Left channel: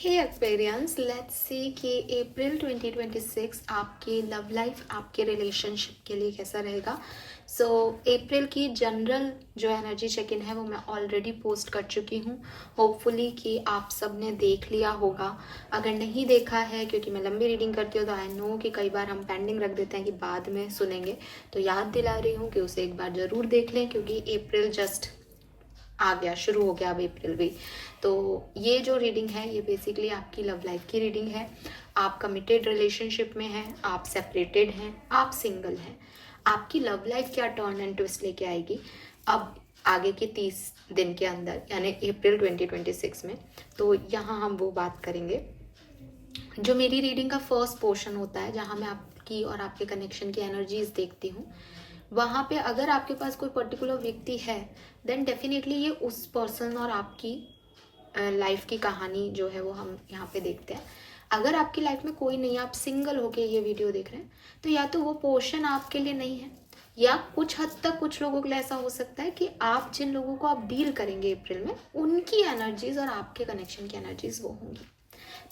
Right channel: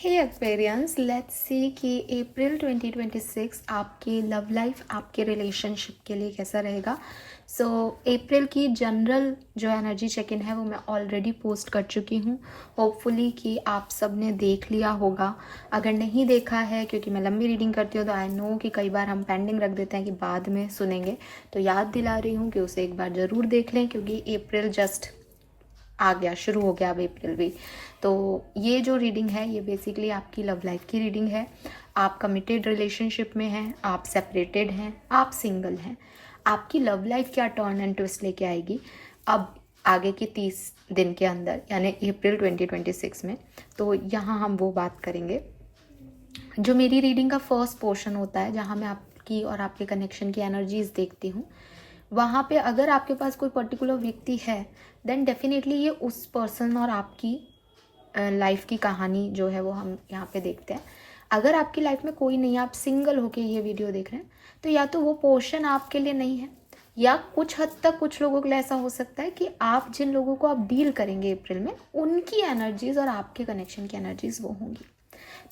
Hey Aquarians, let's see कि अप्रैल 2026 आपकी love life, आपके रिलेशनशिप के लिए कैसा रहेगा। सो अप्रैल की जनरल जो एनर्जी चेक इन है वो मैं ऑलरेडी पोस्ट कर चुकी हूँ। होपफुली कि आप सब ने देख लिया होगा। अगर नहीं देखा है, क्योंकि मैं लंबी रीडिंग करती हूँ तो आई नो कि कई बार हम पेंडिंग रख देते हैं कि बाद में सुनेंगे, तो याद दिला रही हूँ कि उसे एक बार ज़रूर देख लें, क्योंकि अप्रैल जस्ट आ गया, शुरू हो गया अब अप्रैल भी। तो ये जो रीडिंग है ये बेसिकली आपकी लव लाइफ की रीडिंग है। आप कमिटेड रिलेशनशिप में हैं, आप सेपरेटेड हैं, आप सिंगल हैं। आपकी लव लाइफ क्या टर्न एंड ट्विस्ट लेके आएगी अब आगे के 30 दिन के अंदर, यानी अप्रैल 2026 में। तो यहाँ हम वो बात करेंगे। जो मेरी रीडिंग का फर्स्ट पोर्शन होता है, जहाँ मैं आपकी और आपके कनेक्शन की एनर्जीज देखती हूँ, वहाँ पे अगर आपके पास कोई पर्टिकुलर व्यक्ति है देन डेफिनेटली ये उस पर्सन और आपकी लाइफ की कहानी जो है वो हम यहाँ पे देखते हैं। अगर आपकी लाइफ में कोई नहीं है, आप सिंगल होके ये वीडियो देख रहे हैं, तो या तो वो पोर्शन आपके लिए नहीं है, या कुछ हद तक कुछ लोगों के लिए ऐसा हो सकता है कि आप जिन लोगों को आप डील करेंगे अप्रैल में, उनकी एनर्जीज और आपके कनेक्शन की एनर्जीज वो होंगी।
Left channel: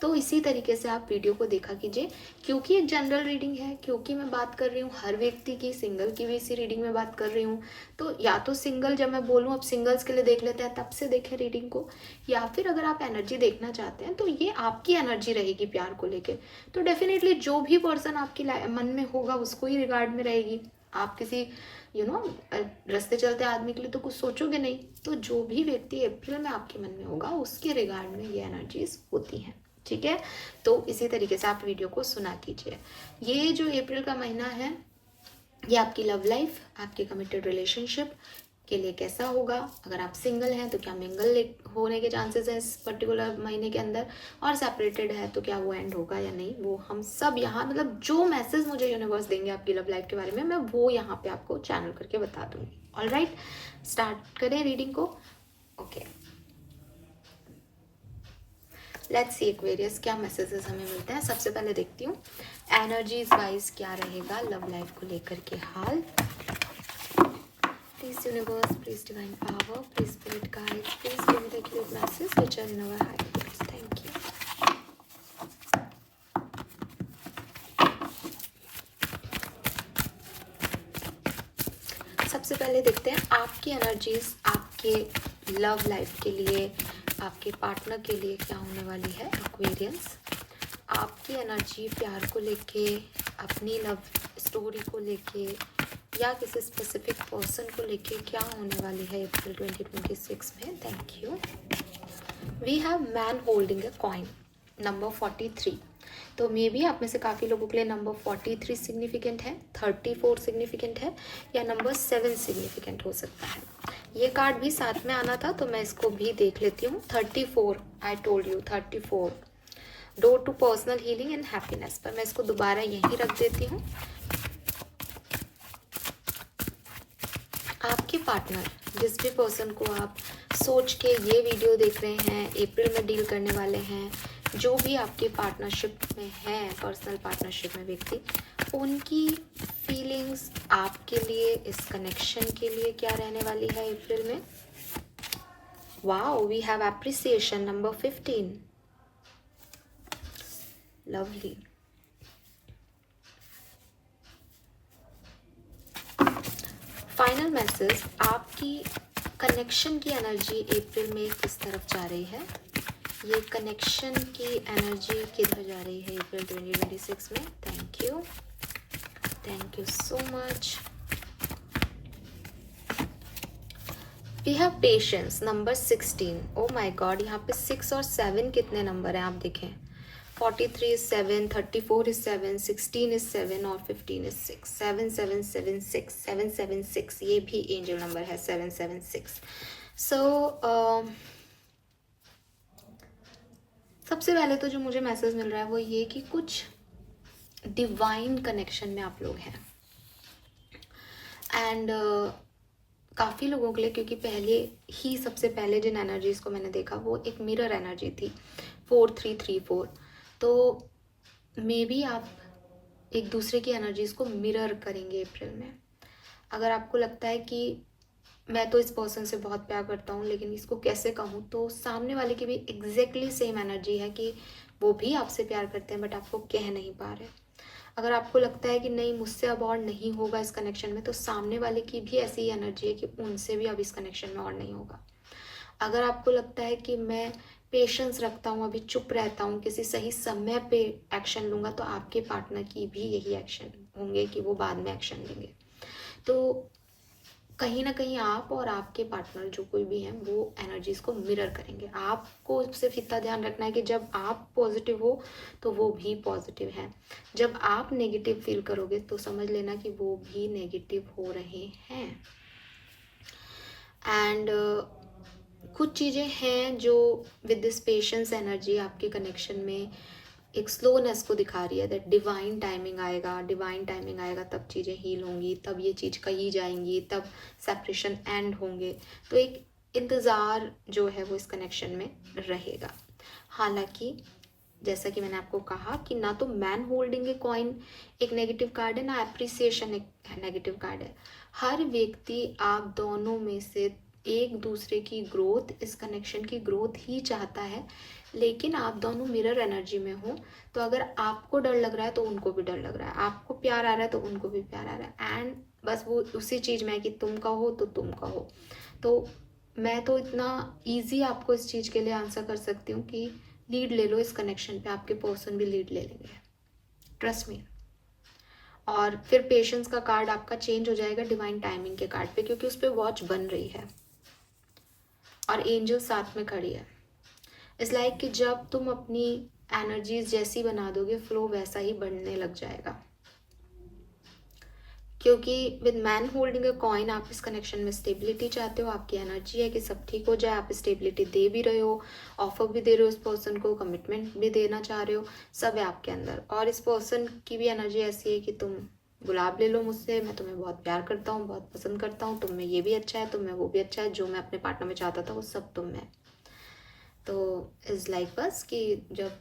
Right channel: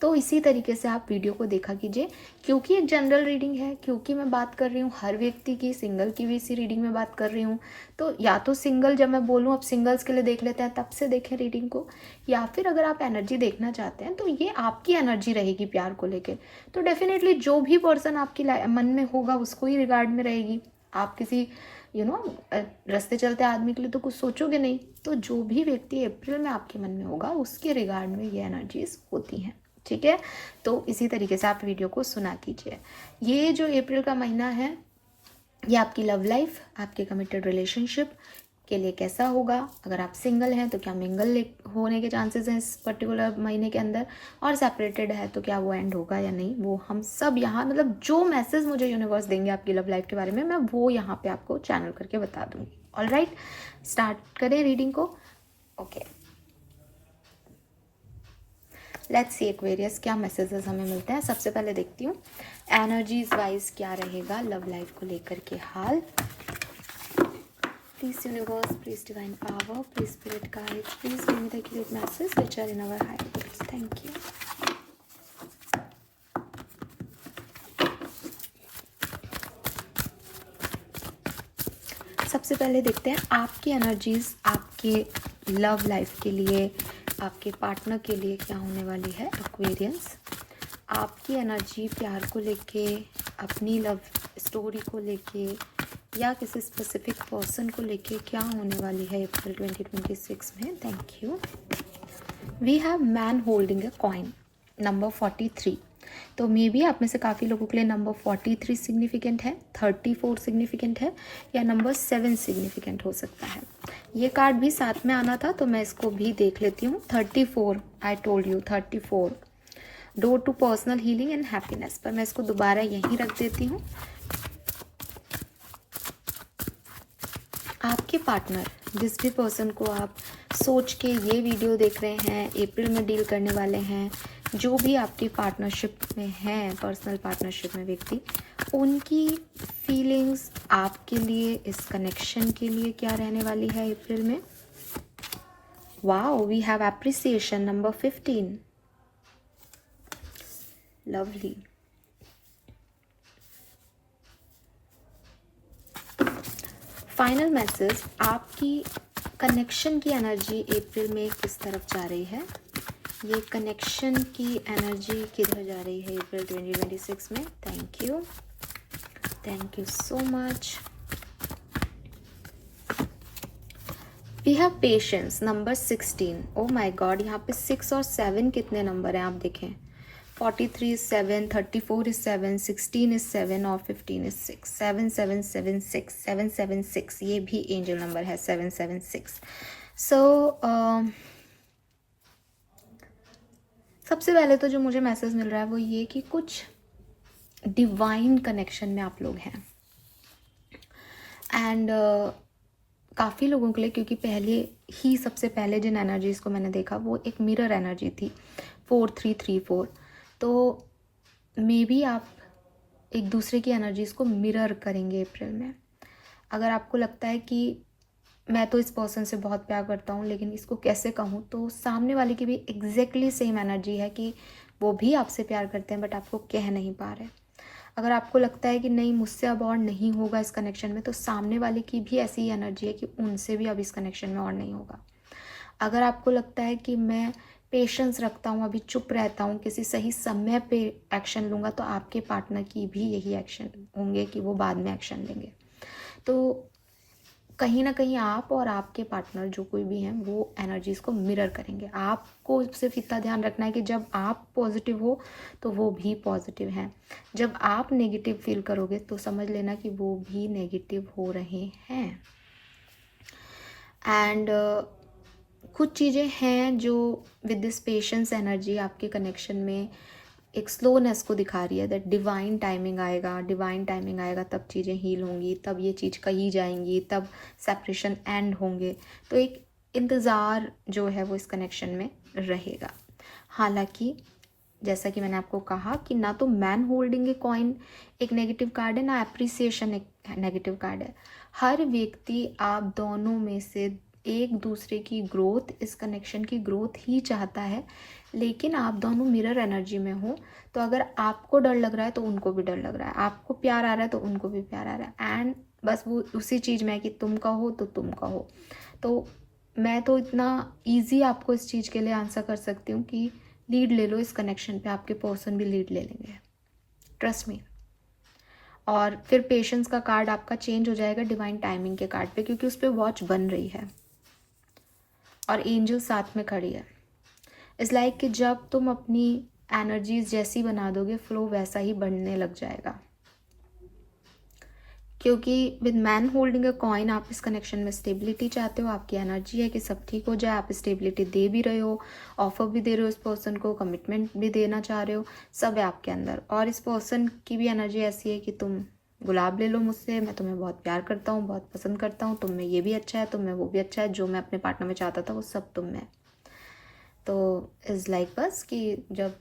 तो इसी तरीके से आप वीडियो को देखा कीजिए, क्योंकि एक जनरल रीडिंग है, क्योंकि मैं बात कर रही हूँ हर व्यक्ति की, सिंगल की भी इसी रीडिंग में बात कर रही हूँ। तो या तो सिंगल, जब मैं बोलूँ अब सिंगल्स के लिए देख लेते हैं, तब से देखें रीडिंग को, या फिर अगर आप एनर्जी देखना चाहते हैं तो ये आपकी एनर्जी रहेगी प्यार को लेकर। तो डेफिनेटली जो भी पर्सन आपकी मन में होगा उसको ही रिगार्ड में रहेगी। आप किसी रास्ते चलते आदमी के लिए तो कुछ सोचोगे नहीं। तो जो भी व्यक्ति अप्रैल में आपके मन में होगा उसके रिगार्ड में ये एनर्जीज होती हैं, ठीक है। तो इसी तरीके से आप वीडियो को सुना कीजिए। ये जो अप्रैल का महीना है ये आपकी लव लाइफ, आपके कमिटेड रिलेशनशिप के लिए कैसा होगा। अगर आप सिंगल हैं तो क्या मिंगल होने के चांसेस हैं इस पर्टिकुलर महीने के अंदर, और सेपरेटेड है तो क्या वो एंड होगा या नहीं, वो हम सब यहाँ मतलब जो मैसेज मुझे यूनिवर्स देंगे आपकी लव लाइफ के बारे में, मैं वो यहाँ पे आपको चैनल करके बता दूंगी। ऑलराइट, स्टार्ट करें रीडिंग को। ओके, लेट्स सी एक्वेरियस क्या मैसेजेस हमें मिलते हैं। सबसे पहले देखती हूँ एनर्जीज वाइज क्या रहेगा लव लाइफ को लेकर के हाल। Please universe, please divine power, please spirit guides, please give me the accurate message which are in our higher place. Thank you. सबसे पहले देखते हैं आपकी एनर्जीज आपके लव लाइफ के लिए, आपके पार्टनर के लिए क्या होने वाली है। एक्वेरियंस, आपकी एनर्जी प्यार को लेके, अपनी लव स्टोरी को लेके, या किसी स्पेसिफिक पर्सन को लेके क्या होने वाली है अप्रैल 2026 में। Thank you. We have man holding a coin, number 43। तो मे बी आप में से काफ़ी लोगों के लिए नंबर 43 सिग्निफिकेंट है, 34 सिग्निफिकेंट है, या नंबर 7 सिग्निफिकेंट हो सकता है। ये कार्ड भी साथ में आना था तो मैं इसको भी देख लेती हूँ। 34, I told you 34, door to personal healing and happiness, पर मैं इसको दोबारा यहीं रख देती हूँ। आपके पार्टनर, जिस भी पर्सन को आप सोच के ये वीडियो देख रहे हैं, अप्रैल में डील करने वाले हैं, जो भी आपकी पार्टनरशिप में हैं, पर्सनल पार्टनरशिप में व्यक्ति, उनकी फीलिंग्स आपके लिए, इस कनेक्शन के लिए क्या रहने वाली है अप्रैल में। Wow, we have appreciation, number 15, lovely. Final message, आपकी कनेक्शन की एनर्जी अप्रैल में किस तरफ जा रही है। ये कनेक्शन की एनर्जी किधर जा रही है अप्रैल 2026 में। Thank you so much. We have patience, number 16। Oh my god, यहाँ पे 6 और 7 कितने नंबर हैं आप देखें। 43 is 7, 34 is 7, 16 is 7 और 15 is 6। 7776, 776, ये भी एंजल नंबर है 776। सो सबसे पहले तो जो मुझे मैसेज मिल रहा है वो ये कि कुछ डिवाइन कनेक्शन में आप लोग हैं। एंड काफ़ी लोगों के लिए, क्योंकि पहले ही सबसे पहले जिन एनर्जीज़ को मैंने देखा वो एक मिरर एनर्जी थी, 4334। तो मे बी आप एक दूसरे की एनर्जीज़ को मिरर करेंगे अप्रैल में। अगर आपको लगता है कि मैं तो इस पर्सन से बहुत प्यार करता हूँ, लेकिन इसको कैसे कहूँ, तो सामने वाले की भी एग्जैक्टली सेम एनर्जी है कि वो भी आपसे प्यार करते हैं बट आपको कह नहीं पा रहे। अगर आपको लगता है कि नहीं मुझसे अब और नहीं होगा इस कनेक्शन में, तो सामने वाले की भी ऐसी ही एनर्जी है कि उनसे भी अब इस कनेक्शन में और नहीं होगा। अगर आपको लगता है कि मैं पेशेंस रखता हूँ, अभी चुप रहता हूँ, किसी सही समय पे एक्शन लूँगा, तो आपके पार्टनर की भी यही एक्शन होंगे कि वो बाद में एक्शन लेंगे। तो कहीं ना कहीं आप और आपके पार्टनर जो कोई भी हैं वो एनर्जीज़ को मिरर करेंगे। आपको सिर्फ इतना ध्यान रखना है कि जब आप पॉजिटिव हो तो वो भी पॉजिटिव हैं, जब आप नेगेटिव फील करोगे तो समझ लेना कि वो भी नेगेटिव हो रहे हैं। एंड कुछ चीज़ें हैं जो विद दिस पेशेंस एनर्जी आपके कनेक्शन में एक स्लोनेस को दिखा रही है, दैट डिवाइन टाइमिंग आएगा, डिवाइन टाइमिंग आएगा तब चीज़ें हील होंगी, तब ये चीज़ कही जाएंगी, तब सेपरेशन एंड होंगे। तो एक इंतज़ार जो है वो इस कनेक्शन में रहेगा। हालांकि जैसा कि मैंने आपको कहा कि ना तो मैन होल्डिंग ए कॉइन एक नेगेटिव कार्ड है, ना अप्रिसिएशन एक नेगेटिव कार्ड है। हर व्यक्ति आप दोनों में से एक दूसरे की ग्रोथ, इस कनेक्शन की ग्रोथ ही चाहता है, लेकिन आप दोनों मिरर एनर्जी में हो। तो अगर आपको डर लग रहा है तो उनको भी डर लग रहा है, आपको प्यार आ रहा है तो उनको भी प्यार आ रहा है, एंड बस वो उसी चीज़ में है कि तुम कहो तो तुम कहो। तो मैं तो इतना ईजी आपको इस चीज़ के लिए आंसर कर सकती हूँ कि लीड ले लो इस कनेक्शन पे, आपके पर्सन भी लीड ले लेंगे, ट्रस्ट मी। और फिर पेशेंस का कार्ड आपका चेंज हो जाएगा डिवाइन टाइमिंग के कार्ड पे, क्योंकि उस पर वॉच बन रही है और एंजल साथ में खड़ी है। इस लाइक कि जब तुम अपनी एनर्जीज जैसी बना दोगे, फ्लो वैसा ही बढ़ने लग जाएगा। क्योंकि with man holding a coin आप इस कनेक्शन में स्टेबिलिटी चाहते हो, आपकी एनर्जी है कि सब ठीक हो जाए, आप स्टेबिलिटी दे भी रहे हो, ऑफर भी दे रहे हो उस पर्सन को, कमिटमेंट भी देना चाह रहे हो, सब है आपके अंदर। और इस पर्सन की भी एनर्जी ऐसी है कि तुम गुलाब ले लो मुझसे, मैं तुम्हें बहुत प्यार करता हूँ, बहुत पसंद करता हूँ, तुम में ये भी अच्छा है, तुम में वो भी अच्छा है, जो मैं अपने पार्टनर में चाहता था वो सब तुम में। तो इज़ लाइक बस कि जब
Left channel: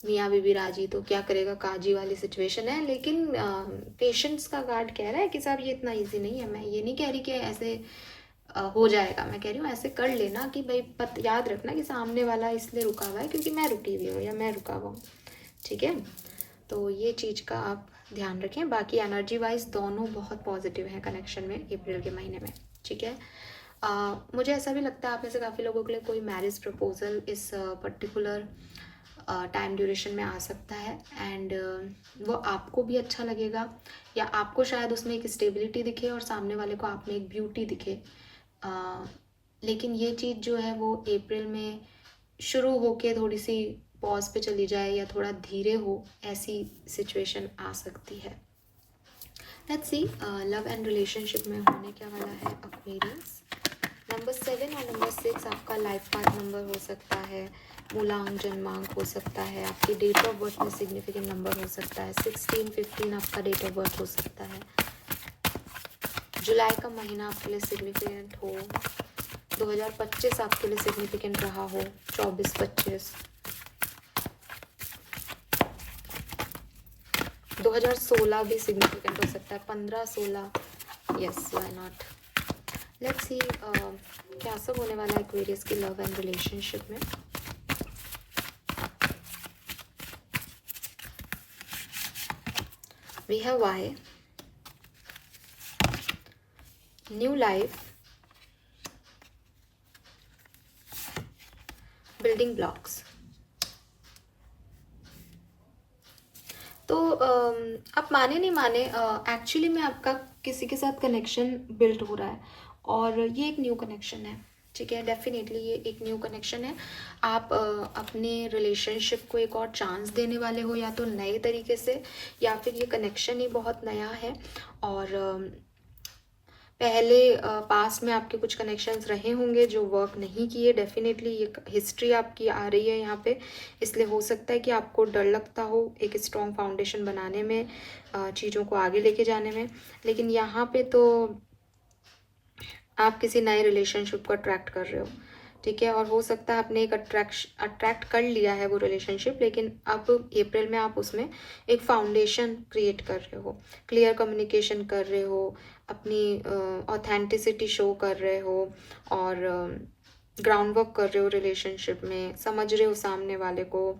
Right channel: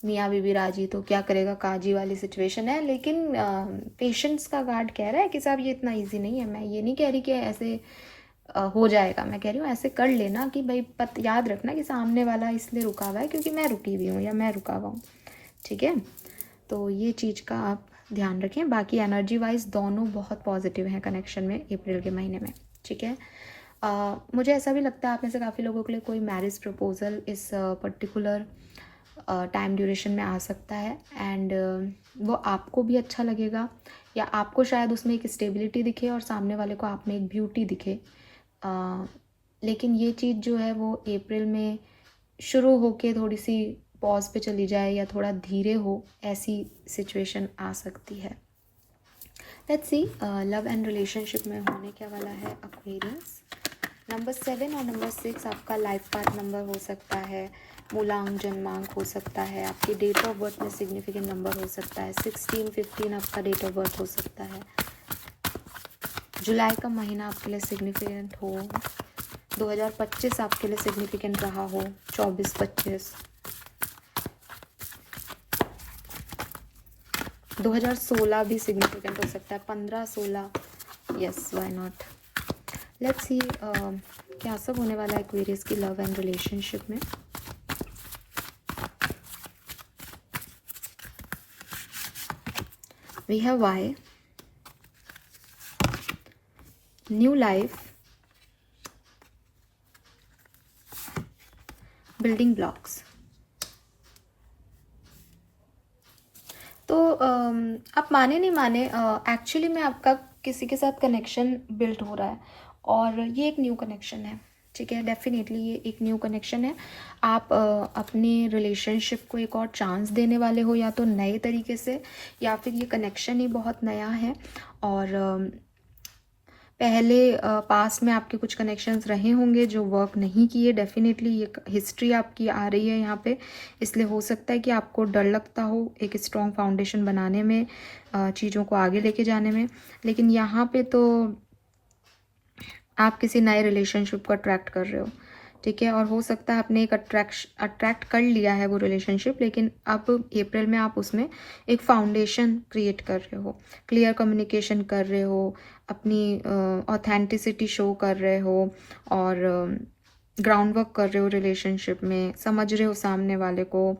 मियाँ बीबी राजी तो क्या करेगा काजी वाली सिचुएशन है। लेकिन पेशेंस का कार्ड कह रहा है कि साहब ये इतना इजी नहीं है। मैं ये नहीं कह रही कि ऐसे हो जाएगा, मैं कह रही हूँ ऐसे कर लेना कि भाई याद रखना कि सामने वाला इसलिए रुका हुआ है क्योंकि मैं रुकी हुई हूँ या मैं रुका हुआ हूँ, ठीक है। तो ये चीज़ का आप ध्यान रखें। बाकी एनर्जी वाइज दोनों बहुत पॉजिटिव हैं कनेक्शन में अप्रैल के महीने में, ठीक है। मुझे ऐसा भी लगता है आप में से काफ़ी लोगों के लिए कोई मैरिज प्रपोजल इस पर्टिकुलर टाइम ड्यूरेशन में आ सकता है, एंड वो आपको भी अच्छा लगेगा, या आपको शायद उसमें एक स्टेबिलिटी दिखे और सामने वाले को आप में एक ब्यूटी दिखे। लेकिन ये चीज़ जो है वो अप्रैल में शुरू होके थोड़ी सी पॉज पे चली जाए या थोड़ा धीरे हो, ऐसी सिचुएशन आ सकती है। Let's C love and relationship में होने क्या वाला है एक्वेरियस। नंबर 7 और नंबर 6 आपका लाइफ पार्ट नंबर हो सकता है, मूलांक जन्मांक हो सकता है, आपकी डेट ऑफ बर्थ में सिग्निफिकेंट नंबर हो सकता है, 16, 15 आपका डेट ऑफ बर्थ हो सकता है, जुलाई का महीना आपके लिए सिग्निफिकेंट हो, 2025 आपके लिए सिग्निफिकेंट रहा हो, 24-25, 2016 भी सिग्निफिकेंट हो सकता है, 15-16, yes why not. Let's see क्या सब होने वाला है एक्वेरियस की लव एंड रिलेशनशिप में। We have Y, new life, building blocks. तो आप माने नहीं माने, एक्चुअली में आपका किसी के साथ कनेक्शन बिल्ड हो रहा है और ये एक न्यू कनेक्शन है, ठीक है। डेफिनेटली ये एक न्यू कनेक्शन है। आप अपने रिलेशनशिप को एक और चांस देने वाले हो, या तो नए तरीके से, या फिर ये कनेक्शन ही बहुत नया है। और पहले पास्ट में आपके कुछ कनेक्शंस रहे होंगे जो वर्क नहीं किए। डेफिनेटली ये हिस्ट्री आपकी आ रही है यहाँ पे, इसलिए हो सकता है कि आपको डर लगता हो एक स्ट्रॉन्ग फाउंडेशन बनाने में, चीज़ों को आगे लेके जाने में। लेकिन यहाँ पे तो आप किसी नए रिलेशनशिप को अट्रैक्ट कर रहे हो, ठीक है। और हो सकता है आपने एक अट्रैक्ट कर लिया है वो रिलेशनशिप, लेकिन अब अप्रैल में आप उसमें एक फाउंडेशन क्रिएट कर रहे हो, क्लियर कम्युनिकेशन कर रहे हो, अपनी ऑथेंटिसिटी शो कर रहे हो, और ग्राउंड वर्क कर रहे हो रिलेशनशिप में, समझ रहे हो सामने वाले को,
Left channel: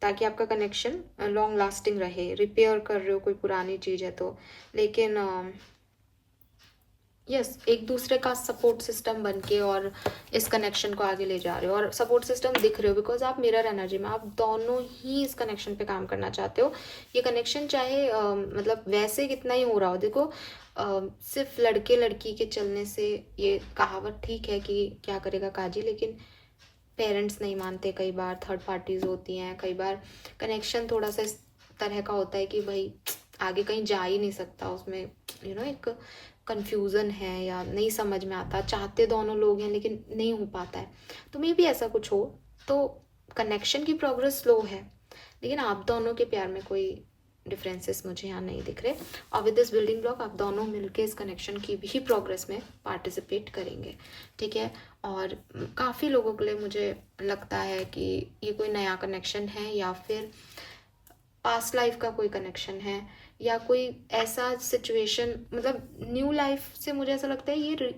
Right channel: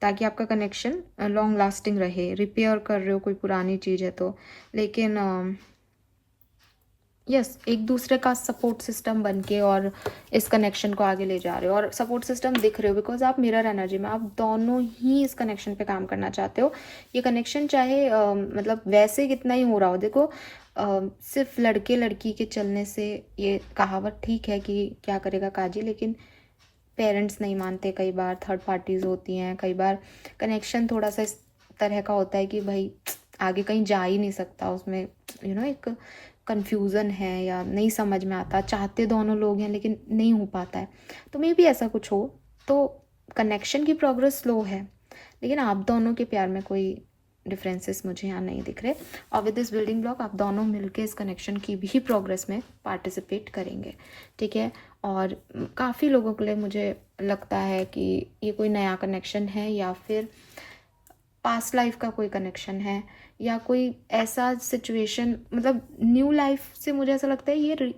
ताकि आपका कनेक्शन लॉन्ग लास्टिंग रहे। रिपेयर कर रहे हो कोई पुरानी चीज़ है तो, लेकिन यस एक दूसरे का सपोर्ट सिस्टम बन के और इस कनेक्शन को आगे ले जा रहे हो, और सपोर्ट सिस्टम दिख रहे हो बिकॉज आप मिरर एनर्जी में, आप दोनों ही इस कनेक्शन पे काम करना चाहते हो। ये कनेक्शन चाहे मतलब वैसे कितना ही हो रहा हो, देखो सिर्फ लड़के लड़की के चलने से, ये कहावत ठीक है कि क्या करेगा काजी, लेकिन पेरेंट्स नहीं मानते, कई बार थर्ड पार्टीज होती हैं, कई बार कनेक्शन थोड़ा सा इस तरह का होता है कि भाई आगे कहीं जा ही नहीं सकता, उसमें एक कन्फ्यूज़न है या नहीं समझ में आता, चाहते दोनों लोग हैं लेकिन नहीं हो पाता है। तो मे भी ऐसा कुछ हो, तो कनेक्शन की प्रोग्रेस स्लो है, लेकिन आप दोनों के प्यार में कोई डिफरेंसेस मुझे यहाँ नहीं दिख रहे। और विद दिस बिल्डिंग ब्लॉक आप दोनों मिलके इस कनेक्शन की भी प्रोग्रेस में पार्टिसिपेट करेंगे, ठीक है। और काफ़ी लोगों के लिए मुझे लगता है कि ये कोई नया कनेक्शन है, या फिर पास्ट लाइफ का कोई कनेक्शन है, या कोई ऐसा सिचुएशन, मतलब न्यू लाइफ से मुझे ऐसा लगता है ये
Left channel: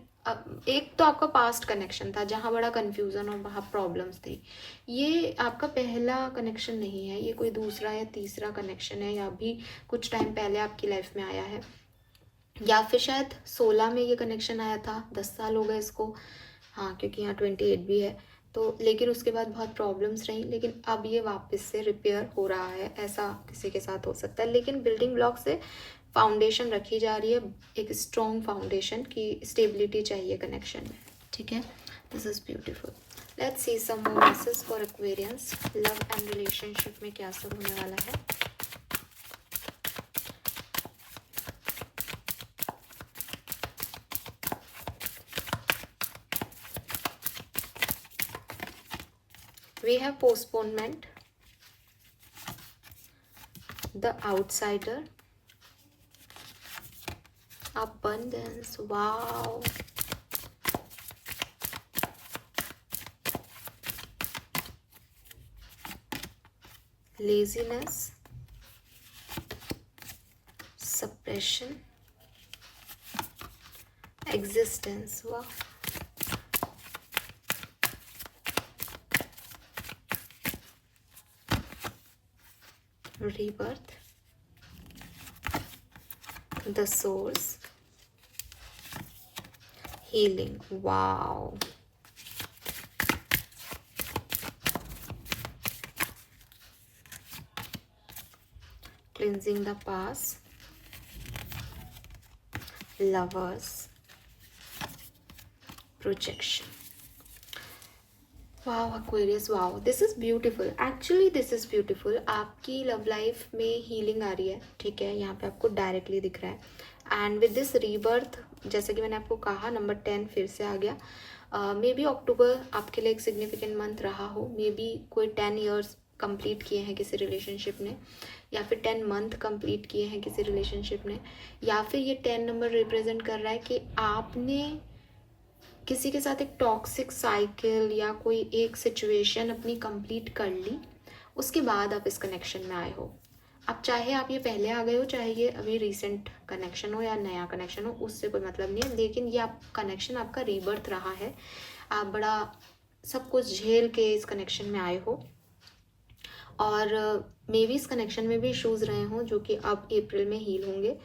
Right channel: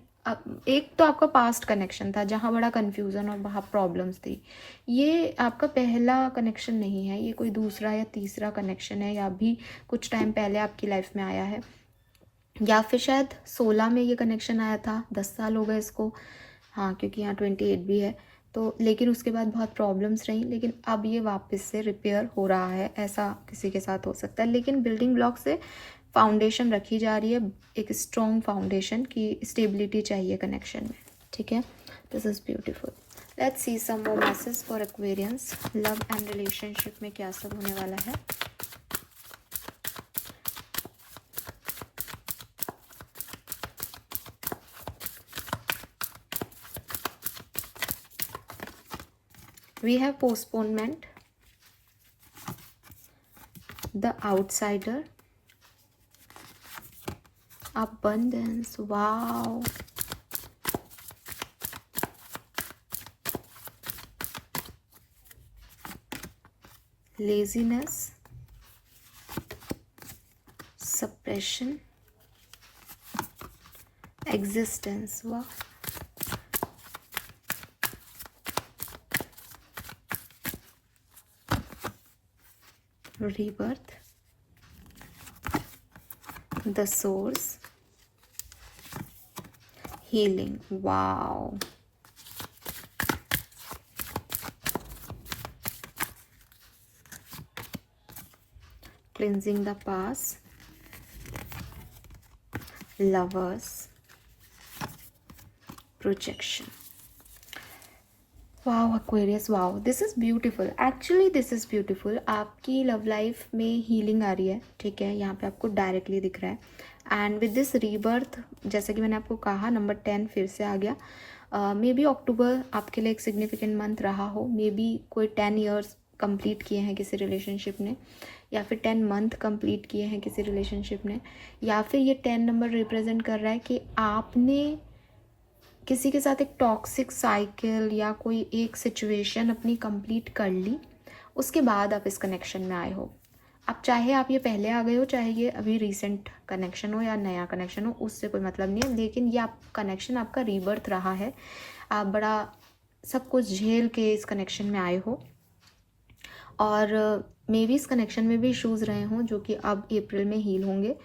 एक तो आपका पास्ट कनेक्शन था जहाँ बड़ा कन्फ्यूज़न और वहाँ प्रॉब्लम्स थी, ये आपका पहला कनेक्शन नहीं है, ये कोई दूसरा या तीसरा कनेक्शन है, या भी कुछ टाइम पहले आपकी लाइफ में आया है, या फिर शायद 16 में ये कनेक्शन आया था, 10 साल हो गए इसको, हाँ क्योंकि यहाँ 28 भी है तो, लेकिन उसके बाद बहुत प्रॉब्लम्स रही, लेकिन अब ये वापस से रिपेयर हो रहा है, ऐसा किसी के साथ हो सकता है। लेकिन बिल्डिंग ब्लॉक से फाउंडेशन रखी जा रही है, एक स्ट्रॉन्ग फाउंडेशन की स्टेबिलिटी चाहिए कनेक्शन में, ठीक है। This is beautiful. Let's see some more message for Aquarians, love and relationship में क्या सब होने वाला है। We have postponement, the outsider, abundance, wow, laziness, suppression, existence, wow, rebirth, the source, healing, wow, cleansing the past, lovers, projection, wow Aquarius, wow this is beautiful, actually this is beautiful. आपकी love life में healing आ रही है, ठीक है, यहाँ पे आपको directly दिख रहा है। एंड विद दिस रीबर्थ, जैसा कि मैंने आपको कहा, नंबर 10 फिर से आ गया। मे बी अक्टूबर आपके लिए एक सिग्निफिकेंट मंथ रहा हो, मे बी कोई 10 ईयर्स कंप्लीट किए हैं किसी रिलेशनशिप ने, या फिर 10 मंथ कंप्लीट किए हैं किसी रिलेशनशिप ने, या फिर ये 10 नंबर रिप्रेजेंट कर रहा है कि आपने किसी के साथ एक टॉक्सिक साइकिल या कोई एक सिचुएशन अपनी कंप्लीट कर ली, उसके बाद आप इस कनेक्शन में आए हो। अब चाहे आप ये पहले आ गए हो, चाहे ये अभी रीसेंट कनेक्शन हो या नया कनेक्शन हो, उससे कोई मतलब नहीं है, लेकिन ये आप कनेक्शन आपका रीबर्थ रहा है। आप बड़ा सब कुछ झेल के इस कनेक्शन में आए हो, और मे बी इस कनेक्शन में भी इश्यूज़ रहे हों जो कि अब अप्रैल में हील होंगे।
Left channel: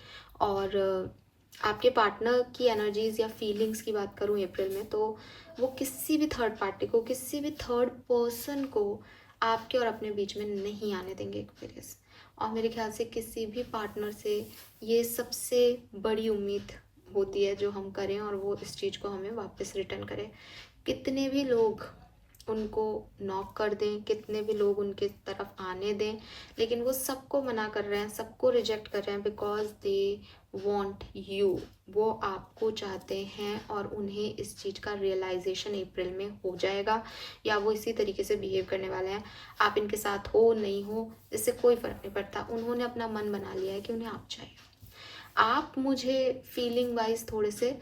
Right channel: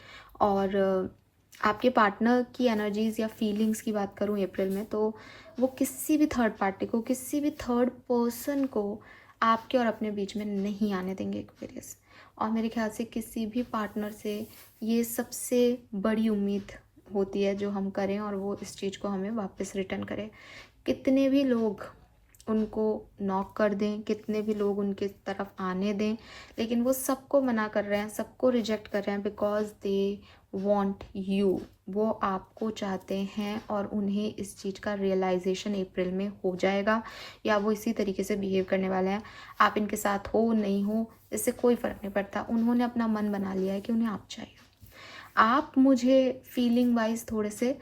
और आपके पार्टनर की एनर्जीज़ या फीलिंग्स की बात करूँ अप्रैल में, तो वो किसी भी थर्ड पार्टी को, किसी भी थर्ड पर्सन को आपके और अपने बीच में नहीं आने देंगे एक्वेरियस। और मेरे ख्याल से किसी भी पार्टनर से ये सबसे बड़ी उम्मीद होती है जो हम करें, और वो इस चीज़ को हमें वापस रिटर्न करें। कितने भी लोग उनको नॉक कर दें, कितने भी लोग उनके तरफ आने दें, लेकिन वो सबको मना कर रहे हैं, सबको रिजेक्ट कर रहे हैं, बिकॉज दे वॉन्ट यू, वो आपको चाहते हैं, और उन्हें इस चीज़ का रियलाइजेशन अप्रैल में हो जाएगा, या वो इसी तरीके से बिहेव करने वाले हैं। आप इनके साथ हो नहीं हो इससे कोई फ़र्क नहीं पड़ता, उन्होंने अपना मन बना लिया है कि उन्हें आप चाहिए। आप मुझे फीलिंग वाइज थोड़े से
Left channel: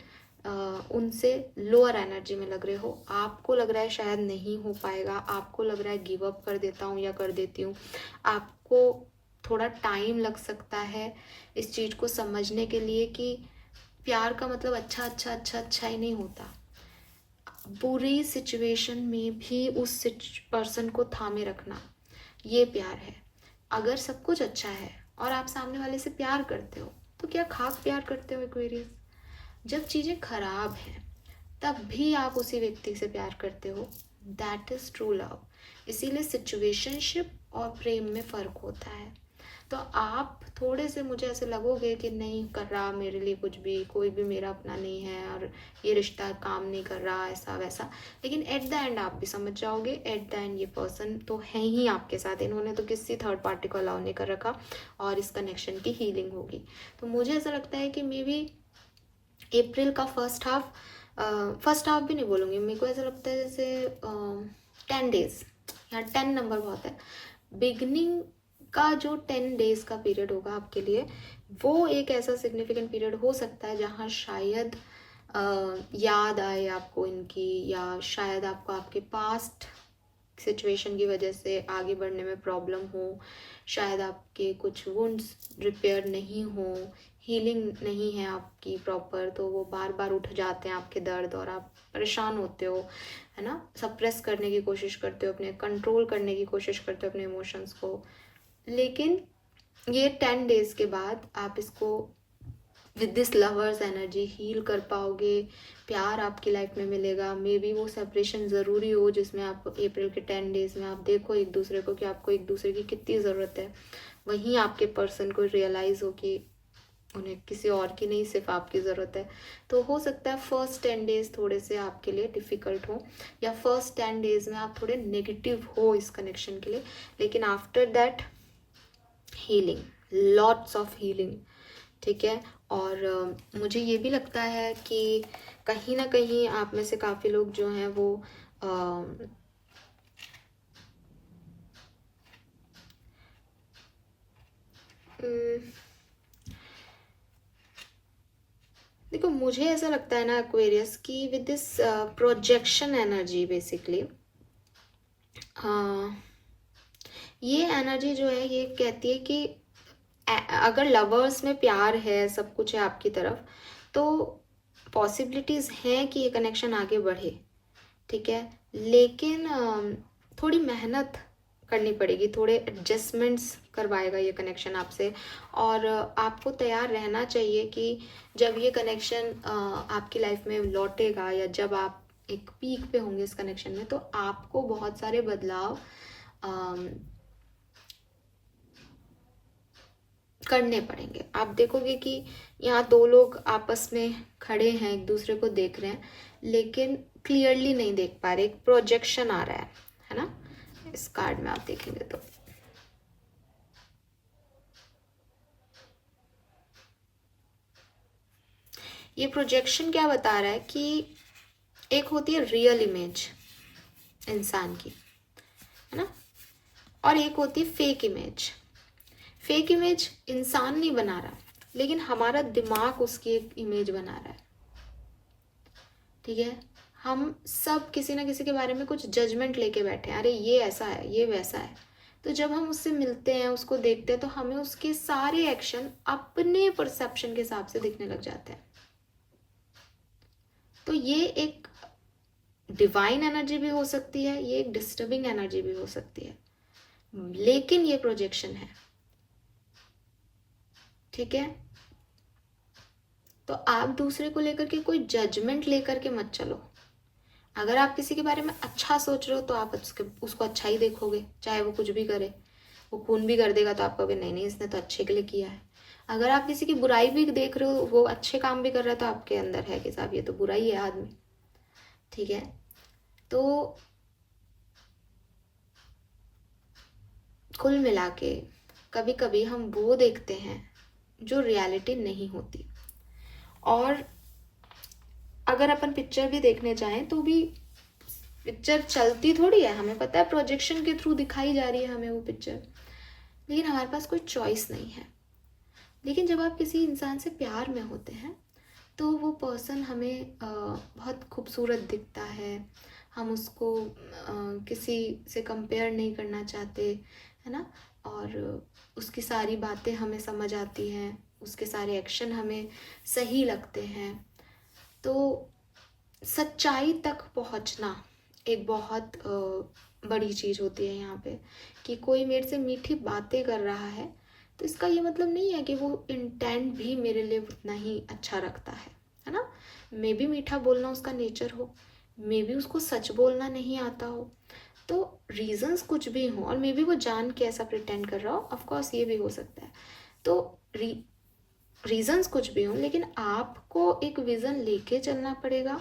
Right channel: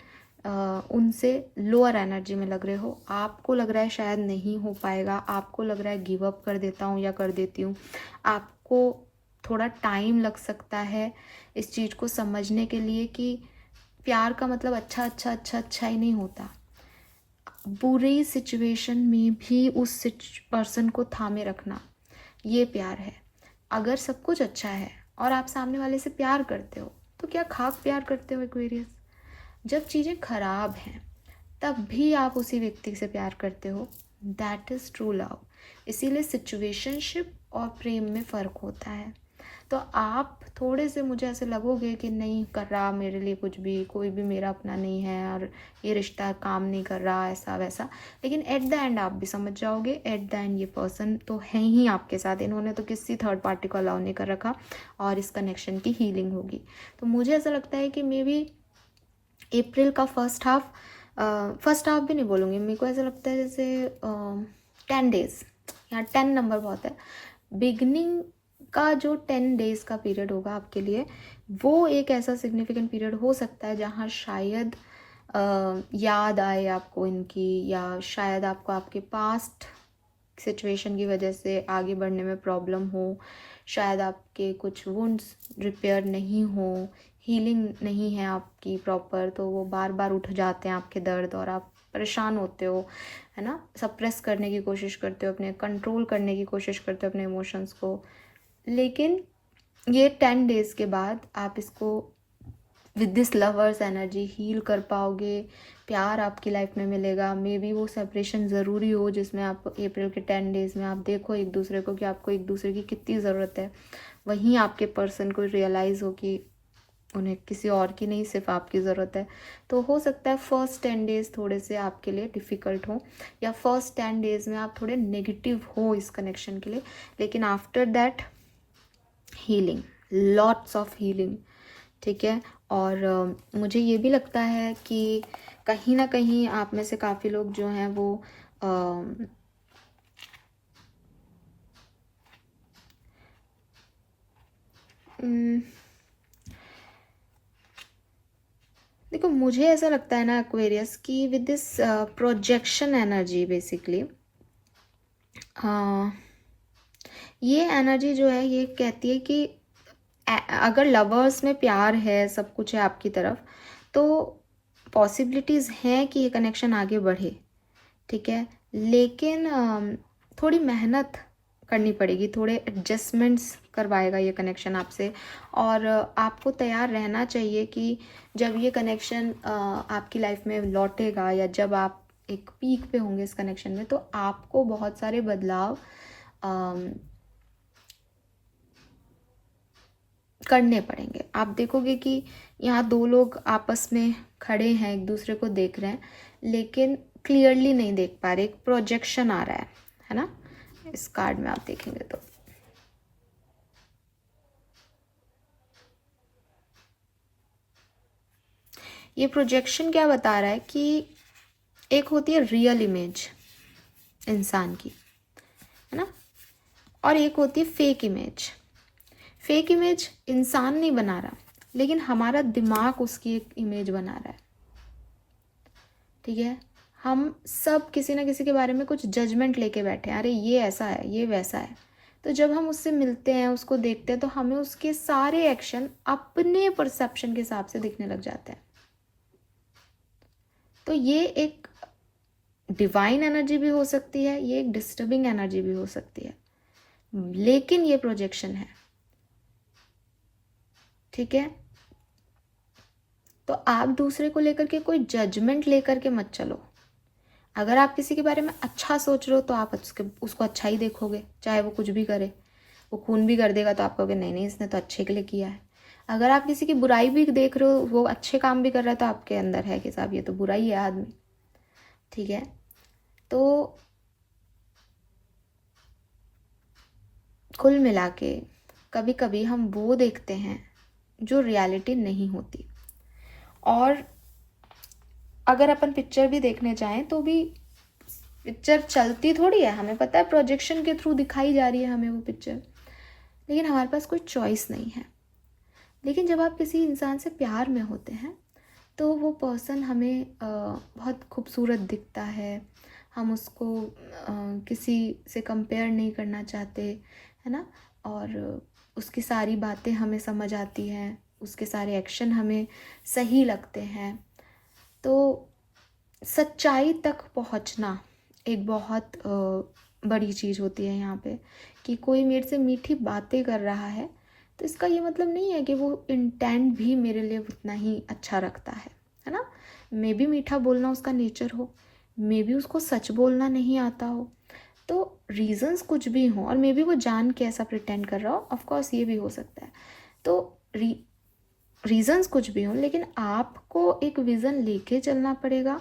उनसे लोअर एनर्जी में लग रहे हो, आपको लग रहा है शायद नहीं हो पाएगा, आपको लग रहा है गिव अप कर देता हूँ या कर देती हूँ, आपको थोड़ा टाइम लग सकता है इस चीज़ को समझने के लिए कि प्यार का मतलब अच्छा अच्छा अच्छा अच्छा ही नहीं होता। बुरी सिचुएशन में भी उस पर्सन को थामे रखना, ये प्यार है। अगर सब कुछ अच्छा है और आप सामने वाले से प्यार करते हो तो क्या खाक प्यार करते हो एक्वेरियस। जब चीज़ें खराब हैं तब भी आप उसी व्यक्ति से प्यार करते हो, दैट इज़ ट्रू लव। इसीलिए सिचुएशनशिप और प्रेम में फ़र्क होता है। तो आप थोड़े से मुझे ऐसे लगोगे कि नहीं कर रहा मेरे लिए कुछ भी, कोई भी मेरा अपना नहीं है और ये रिश्ता काम नहीं कर रहा ऐसा वैसा, लेकिन एट द एंड आप भी समझ जाओगे एट द एंड ये पर्सन तो है ही आपके साथ, इन्होंने तो किसी थर्ड पार्टी को अलाउ नहीं कर रखा और इस कनेक्शन की हीलिंग होगी। तो मुझे ऐसा लगता है कि मे बी अप्रैल का फर्स्ट हाफ भी नहीं बोलूँगी, मेरे को ऐसा लगता है जैसे 10 डेज, यहाँ 10 नंबर बहुत है, बिगनिंग का जो 10 डेज का पीरियड होगा आपके लिए वो एक ऐसा सिग्निफिकेंट पीरियड हो सकता है जहाँ शायद याद आए आपको इनकी, या शायद आपको आपके पास्ट सिचुएशन की वजह से आगे बढ़ने में प्रॉब्लम हो, शायद आपके कुछ वुंड्स रिपेयर नहीं हो, हीलिंग नहीं है आपकी प्रॉपर, तो वो बार बार उठ जाते हैं आपके दर्द और आप परेशान होते हो, है ना, सप्रेस करने की कोशिश करते हो, अपने कंट्रोल करने की कोशिश करते हो अपने इमोशंस को। लेकिन ये 10 डेज़ के बाद आप इसको with this lovers energy heal कर पाओगे, प्यार आपकी लाइफ में मिलेगा। मे बी वो सेपरेशन ज़रूरी हो जिसमें आप अप्रैल के 10 डेज़ में आप देखो एक दूसरे को कि आपको एक दूसरे की कितनी ज़रूरत है, वहीं आपके पर्सन को रियलाइज़ हो कि उन्हें किसी और की नहीं सिर्फ आपकी ज़रूरत है। तो हो सकता है फर्स्ट 10 डेज़ थोड़े से आपके लिए डिफ़िकल्ट हो, या फर्स्ट 10 डेज़ में आप थोड़े नेगेटिव हो इस कनेक्शन के लिए, लेकिन after that healing, lots of healing, ठीक है। और मुझे ये भी लगता है कि कहीं ना कहीं आप में से काफ़ी लोग जो हैं वो देखो मुझे ऐसा लगता है ना एक्वेरियस की with this projection energy basically, ये एनर्जी जो है ये कहती है कि अगर लवर्स में प्यार है, सब कुछ है आपकी तरफ, तो पॉसिबिलिटीज़ हैं कि ये कनेक्शन आगे बढ़े, ठीक है। लेकिन थोड़ी मेहनत करनी पड़ेगी, थोड़े एडजस्टमेंट्स करवाएगा ये कनेक्शन आपसे, और आपको तैयार रहना चाहिए कि जब ये कनेक्शन आपकी लाइफ में लौटेगा या जब आप एक पीक पे होंगे इस कनेक्शन में, तो आपको बहुत सारे बदलाव करने पड़ेंगे। आप देखोगे कि यहाँ दो लोग आपस में खड़े हैं, एक दूसरे को देख रहे हैं, लेकिन क्लियरली नहीं देख पा रहे, एक प्रोजेक्शन आ रहा है ना, इस कार्ड में आप देखेंगे तो ये प्रोजेक्शन क्या बता रहा है कि एक होती है रियल इमेज इंसान की, है ना, और एक होती है फेक इमेज। फेक इमेज इंसान नहीं बना रहा, लेकिन हमारा दिमाग उसकी एक इमेज बना रहा है, ठीक है। हम सब किसी ना किसी के बारे में कुछ जजमेंट लेके बैठे हैं, अरे ये ऐसा है, ये वैसा है। तो जब हम उससे मिलते हैं, उसको देखते हैं, तो हमें उसके सारे एक्शन अपने परसेप्शन के हिसाब से दिखने लग जाते हैं। तो ये एक डिवाइन एनर्जी भी हो सकती है, ये एक डिस्टर्बिंग एनर्जी भी हो सकती है, लेकिन ये प्रोजेक्शन है, ठीक है। तो आप दूसरे को लेकर के कोई जजमेंट लेकर के मत चलो। अगर आप किसी के बारे में अच्छा सोच रहे हो तो आप उसको अच्छा ही देखोगे, चाहे वो कुछ भी करे, वो खून भी कर देगा तो आप कहोगे नहीं नहीं इसने तो अच्छे के लिए किया है। अगर आप किसी की बुराई भी देख रहे हो, वो अच्छे काम भी कर रहा है, तो आपके अंदर है कि साहब ये तो बुरा ही है आदमी, ठीक है। तो कुल मिला के कभी कभी हम वो देखते हैं जो रियलिटी नहीं होती, और अगर अपन पिक्चर भी देखने जाएं तो भी पिक्चर चलती थोड़ी है, हमें पता है प्रोजेक्शन के थ्रू दिखाई जा रही है हमें वो पिक्चर, लेकिन हमारे पास कोई चॉइस नहीं है। लेकिन जब आप किसी इंसान से प्यार में होते हैं तो वो पर्सन हमें बहुत खूबसूरत दिखता है, हम उसको किसी से कंपेयर नहीं करना चाहते, है ना। और उसकी सारी बातें हमें समझ आती हैं, उसके सारे एक्शन हमें सही लगते हैं। तो सच्चाई तक पहुंचना एक बहुत बड़ी चीज़ होती है यहाँ पे, कि कोई मेरे से मीठी बातें कर रहा है तो इसका ये मतलब नहीं है कि वो इंटेंट भी मेरे लिए उतना ही अच्छा रखता है ना। मे बी मीठा बोलना उसका नेचर हो, मे बी उसको सच बोलना नहीं आता हो, तो रीजंस कुछ भी हो, और मे बी वो जान के ऐसा प्रिटेंड कर रहा हो, ऑफ कोर्स ये भी हो सकता है। तो रीजंस कुछ भी हो, लेकिन आपको एक विज़न लेके चलना पड़ेगा,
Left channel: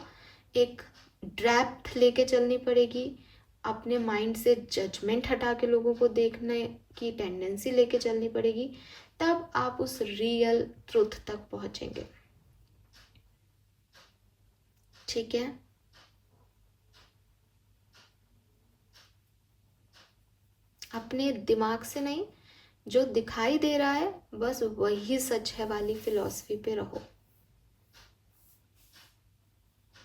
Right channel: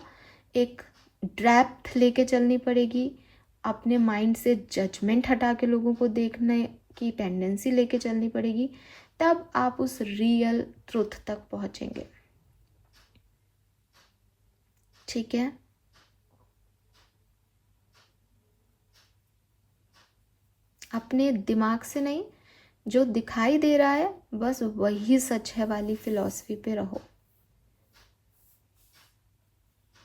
एक डेप्थ लेके चलनी पड़ेगी, अपने माइंड से जजमेंट हटा के लोगों को देखने की टेंडेंसी लेके चलनी पड़ेगी, तब आप उस रियल ट्रुथ तक पहुंचेंगे। ठीक है। अपने दिमाग से नहीं, जो दिखाई दे रहा है बस वही सच है वाली फिलॉसफी पे रहो।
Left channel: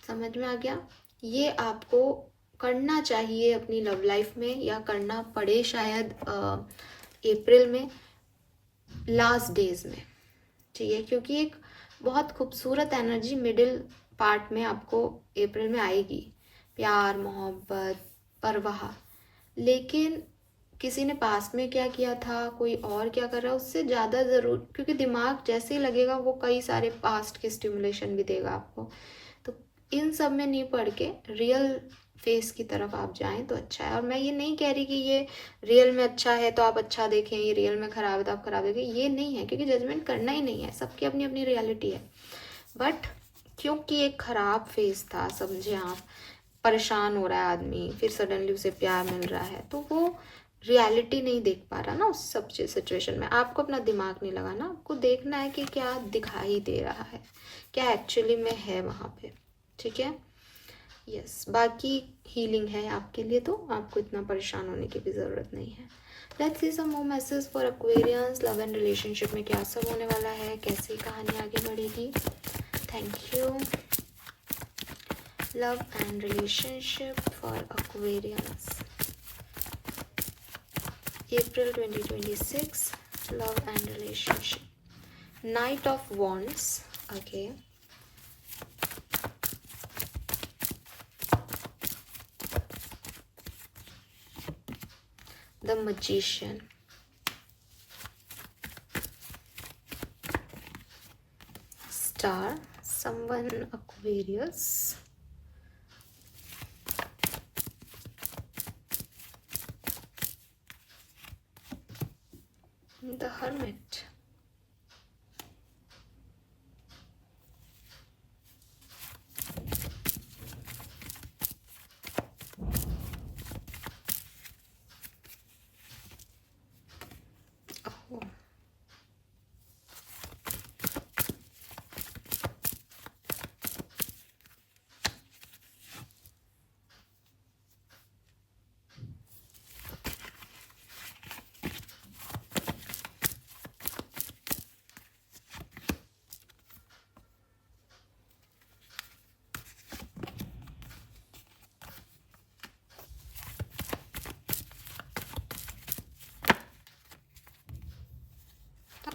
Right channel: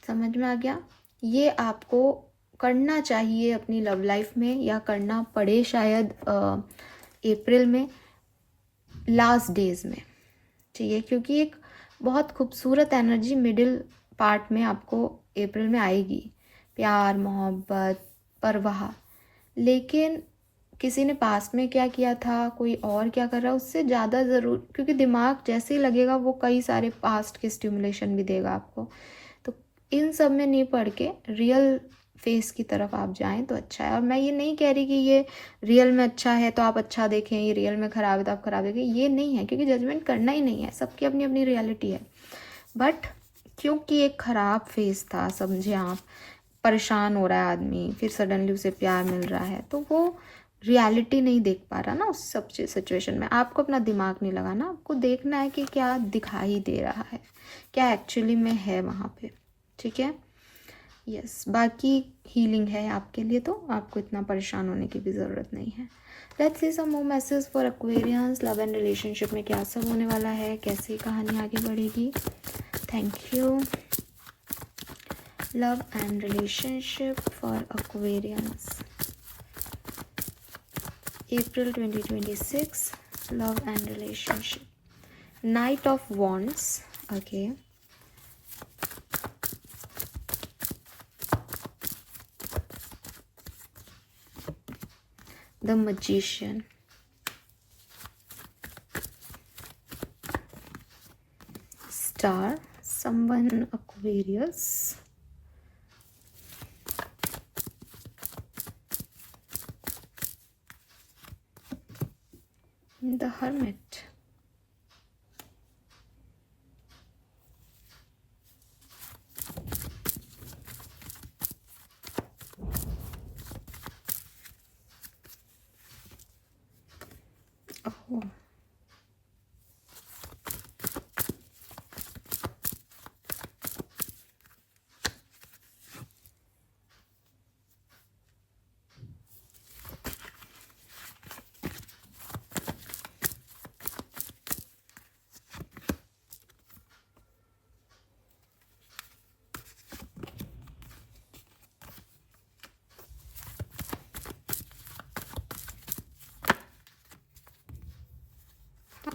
समझ में आ गया? ये आपको करना चाहिए अपनी लव लाइफ में, या करना पड़े शायद अप्रैल में लास्ट डेज में। ठीक है, क्योंकि एक बहुत खूबसूरत एनर्जी मिडिल पार्ट में आपको अप्रैल में आएगी, प्यार, मोहब्बत, परवाह। लेकिन किसी ने पास्ट में क्या किया था, कोई और क्या कर रहा है, उससे ज़्यादा ज़रूर, क्योंकि दिमाग जैसे ही लगेगा वो कई सारे पास्ट के स्टिमुलेशन भी देगा आपको। तो इन सब में नहीं पढ़ के रियल फेस की तरफ आप जाएं तो अच्छा है। और मैं ये नहीं कह रही कि ये रियल में अच्छा है तो आप अच्छा देखें, ये रियल में ख़राब है तो आप ख़राब देखें, ये नहीं है, क्योंकि जजमेंट करना ही नहीं है, सबकी अपनी अपनी रियलिटी है। बट क्योंकि एक ख़राब फेस था, समझे आप, परेशान हो रहा है आदमी, फिर सडनली उसे प्यार मिल रहा है, तो वो रियलिटी नहीं देख पा रहा ना उस सब सिचुएशन में। आपको अपना दिमाग नहीं लगाना, आपको देखना है कि क्या दिखाई दे रहा है, क्या एक्चुअली में है वहाँ पे। ठीक है, यस। बाकी हीलिंग है आपके लिए, तो आपको इतना परेशान होने की भी ज़रूरत नहीं है। Let's see some more message for Aquarians. Love and relationship में क्या सब होने वाला है, कैसी कहानी आगे बढ़ेगी। Thank you. Love and relationship for Aquarians April 2026, love and relationship. Knight of Wands. Okay. The Magician. Star. Someone Aquarius. The Hermit. Oh.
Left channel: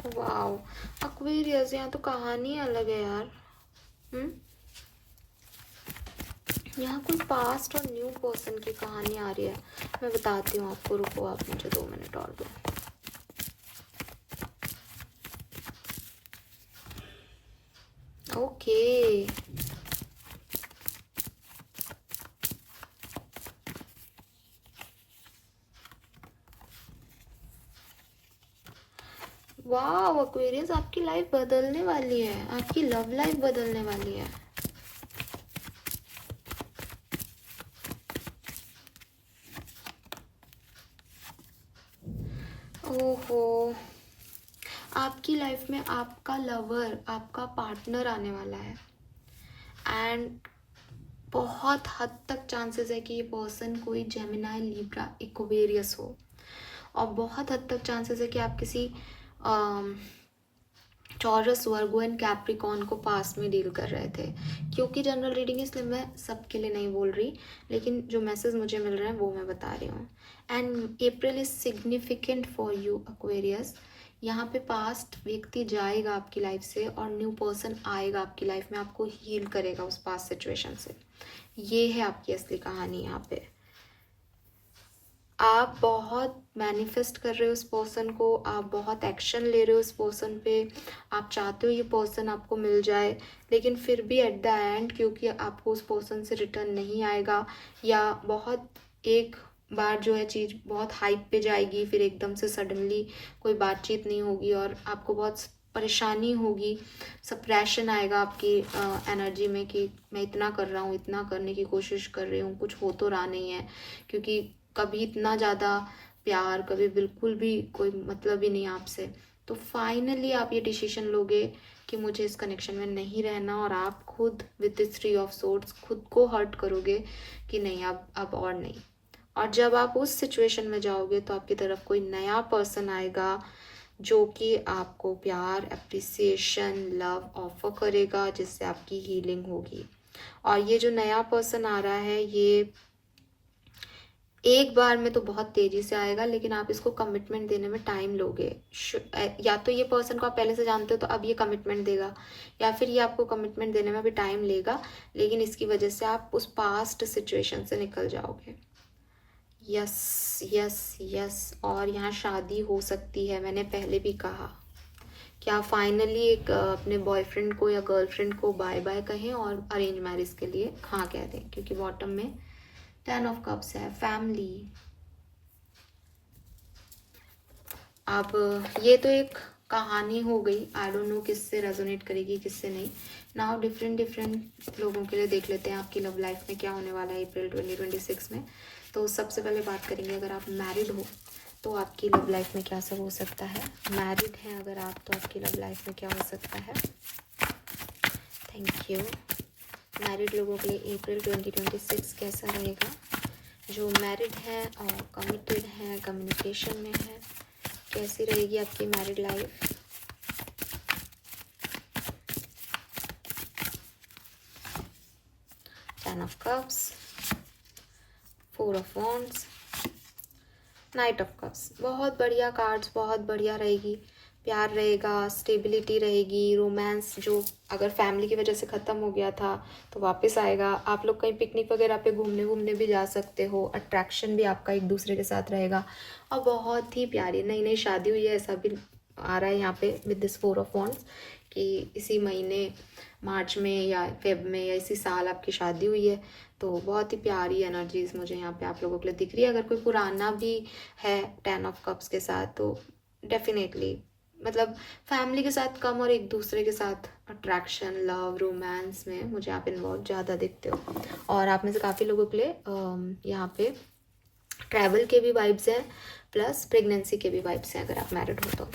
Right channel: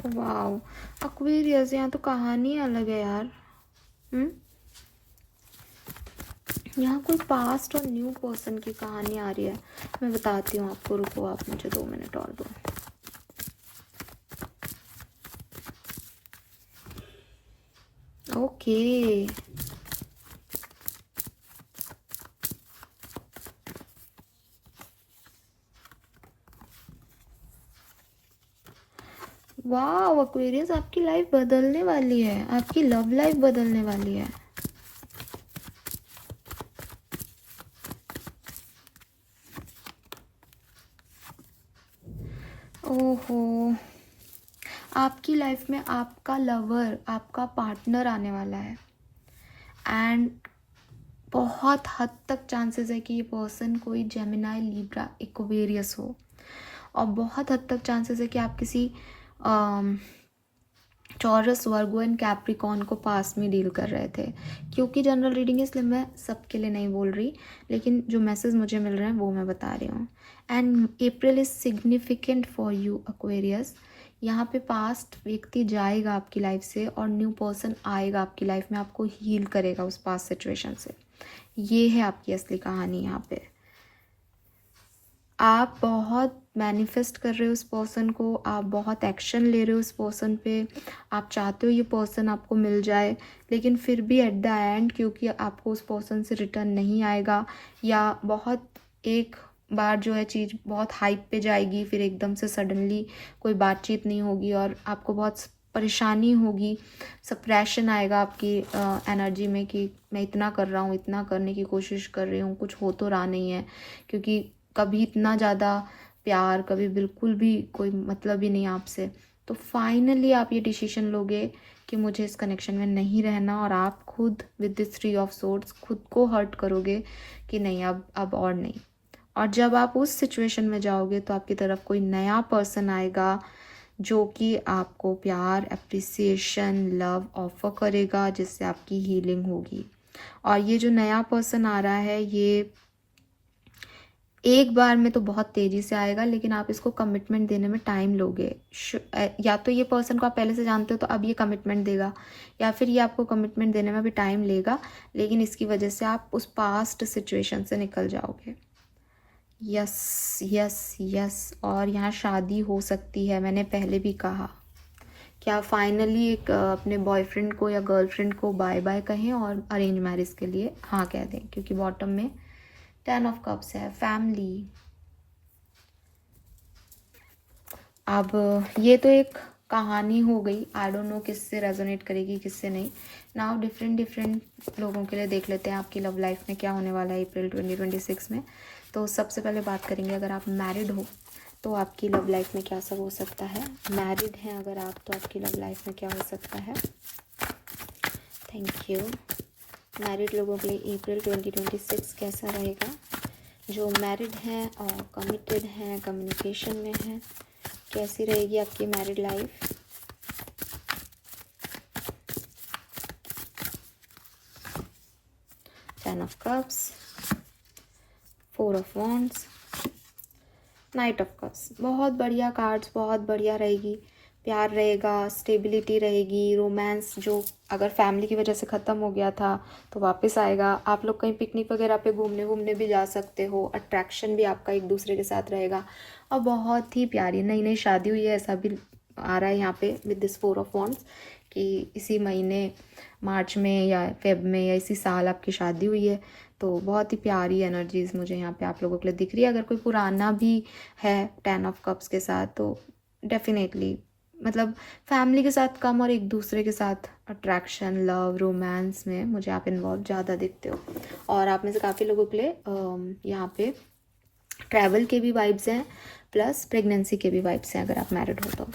Wow, Aquarius, यहाँ तो कहानी अलग है यार। यहाँ कोई पास्ट और न्यू पर्सन की कहानी आ रही है, मैं बताती हूँ आपको, रुको आप मुझे 2 मिनट और दो। ओके, वाह एक्वेरियस, आपकी लाइफ बदलने वाली है, आपकी लव लाइफ बदलने वाली है। ओहो, आपकी लाइफ में आपका लवर, आपका पार्टनर आने वाला है, एंड बहुत हद तक चांसेस है कि ये पर्सन कोई जेमिनाई, लिब्रा, एक्वेरियस हो, और बहुत हद तक चांसेस है कि आप किसी टॉरस, वर्गो एंड कैप्रिकॉर्न को पास में डील कर रहे थे। क्योंकि जनरल रीडिंग है इसलिए मैं सबके लिए नहीं बोल रही, लेकिन जो मैसेज मुझे मिल रहे हैं वो मैं बता रही हूँ। And April is significant for you Aquarius. यहाँ पे पास्ट व्यक्ति जाएगा आपकी लाइफ से और न्यू पर्सन आएगा आपकी लाइफ में, आपको हील करेगा उस पास्ट सिचुएशन से। ये है आपकी असली कहानी। यहाँ पे आप बहुत मैनिफेस्ट कर रहे हो उस पर्सन को, आप बहुत एक्शन ले रहे हो उस पर्सन पे, आप चाहते हो ये पर्सन आपको मिल जाए, लेकिन फिर भी एट द एंड क्योंकि आपको उस पर्सन से रिटर्न नहीं आएगा, या बहुत एक बार जो है चीज़ बहुत हाइप पे जाएगी, फिर एकदम से सडनली कोई बातचीत नहीं होगी और आपको बहुत परेशानी होगी, सप्रेशन आएगा आपकी एनर्जी में कि मैं इतना कर रहा हूँ, इतना करने की कोशिश कर रही हूँ, कुछ हो तो रहा नहीं है, क्योंकि कभी इतना ज़्यादा प्यार, कभी बिल्कुल भी कोई मतलब ही नहीं आपसे। तो फाइनली आप ये डिसीजन लोगे कि मुझे इस कनेक्शन में नहीं रहना, और आप खुद विद दिस 3 ऑफ सोर्ड्स खुद को हर्ट करोगे कि नहीं अब और नहीं। और जब आप उस सिचुएशन में जाओगे तो आपकी तरफ कोई नया पर्सन आएगा जो कि आपको प्यार, एप्रिसिएशन, लव ऑफर करेगा, जिससे आपकी हीलिंग होगी। और ये जो नया पर्सन आ रहा है ये एक बार में तो बहुत तेज़ी से आएगा, लेकिन आप इसको कमिटमेंट देने में टाइम लोगे। या तो ये पर्सन को आप पहले से जानते हो तो अब ये कमिटमेंट देगा, या फिर ये आपको कमिटमेंट देने में भी टाइम लेगा, लेकिन इसकी वजह से आप उस पास्ट सिचुएशन से निकल जाओगे। Yes yes yes. और यहाँ शादी हो सकती है, मैंने पहले भी कहा। क्या फाइनली एक अपने बॉयफ्रेंड को या गर्लफ्रेंड को बाय बाय कहें और अरेंज मैरिज के लिए हाँ कह दें, क्योंकि बॉटम में 10 ऑफ कप्स है, फैमिली। अब ये तो एक कहानी हो गई, आई डोंट नो किससे रेजोनेट करेगी किससे नहीं। नाउ डिफरेंट लोगों के लिए देख लेते हैं आपकी लव लाइफ में क्या होने वाला है अप्रैल 2026 में। तो सबसे पहले बात करेंगे, अगर आप मैरिड हो तो आपकी लव लाइफ में क्या सब हो सकता है। मैरिड हैं अगर आप तो आपकी लव लाइफ में क्या हो सकता है। Thank you. मैरिड लोगों के लिए अप्रैल 2026 कैसा रहेगा। जो मैरिड है और कमिटेड है, कम्युनिकेशन में है, कैसी रहेगी आपकी married life. Ten of cups, 4 of wands, night of cups. बहुत बढ़िया कार्ड्स, बहुत बढ़िया रहेगी। प्यार रहेगा, स्टेबिलिटी रहेगी, रोमांस जो अगर फैमिली की वजह से ख़त्म हो गया था तो वापस आएगा। आप लोग कहीं पिकनिक वगैरह पे घूमने भी जा सकते हो। अट्रैक्शन भी आपका एक दूसरे के साथ रहेगा और बहुत ही प्यारी नई नई शादी हुई है, ऐसा भी आ रहा है यहाँ पे विद दिस 4 ऑफ वॉन्ड्स कि इसी महीने मार्च में या फेब में या इसी साल आपकी शादी हुई है। तो बहुत ही प्यारी एनर्जीज मुझे यहाँ पे आप लोगों के लिए दिख रही है। अगर कोई पुराना भी है 10 ऑफ कप्स के साथ तो डेफिनेटली मतलब फैमिली के साथ कम और एक दूसरे के साथ अट्रैक्शन, लव, रोमांस में मुझे आप इन्वॉल्व ज़्यादा देखते हो। और आप में से काफ़ी लोगों के लिए यहाँ पे ट्रैवल के भी वाइब्स हैं, प्लस प्रेगनेंसी के भी वाइब्स हैं अगर आप मैरिड हो तो।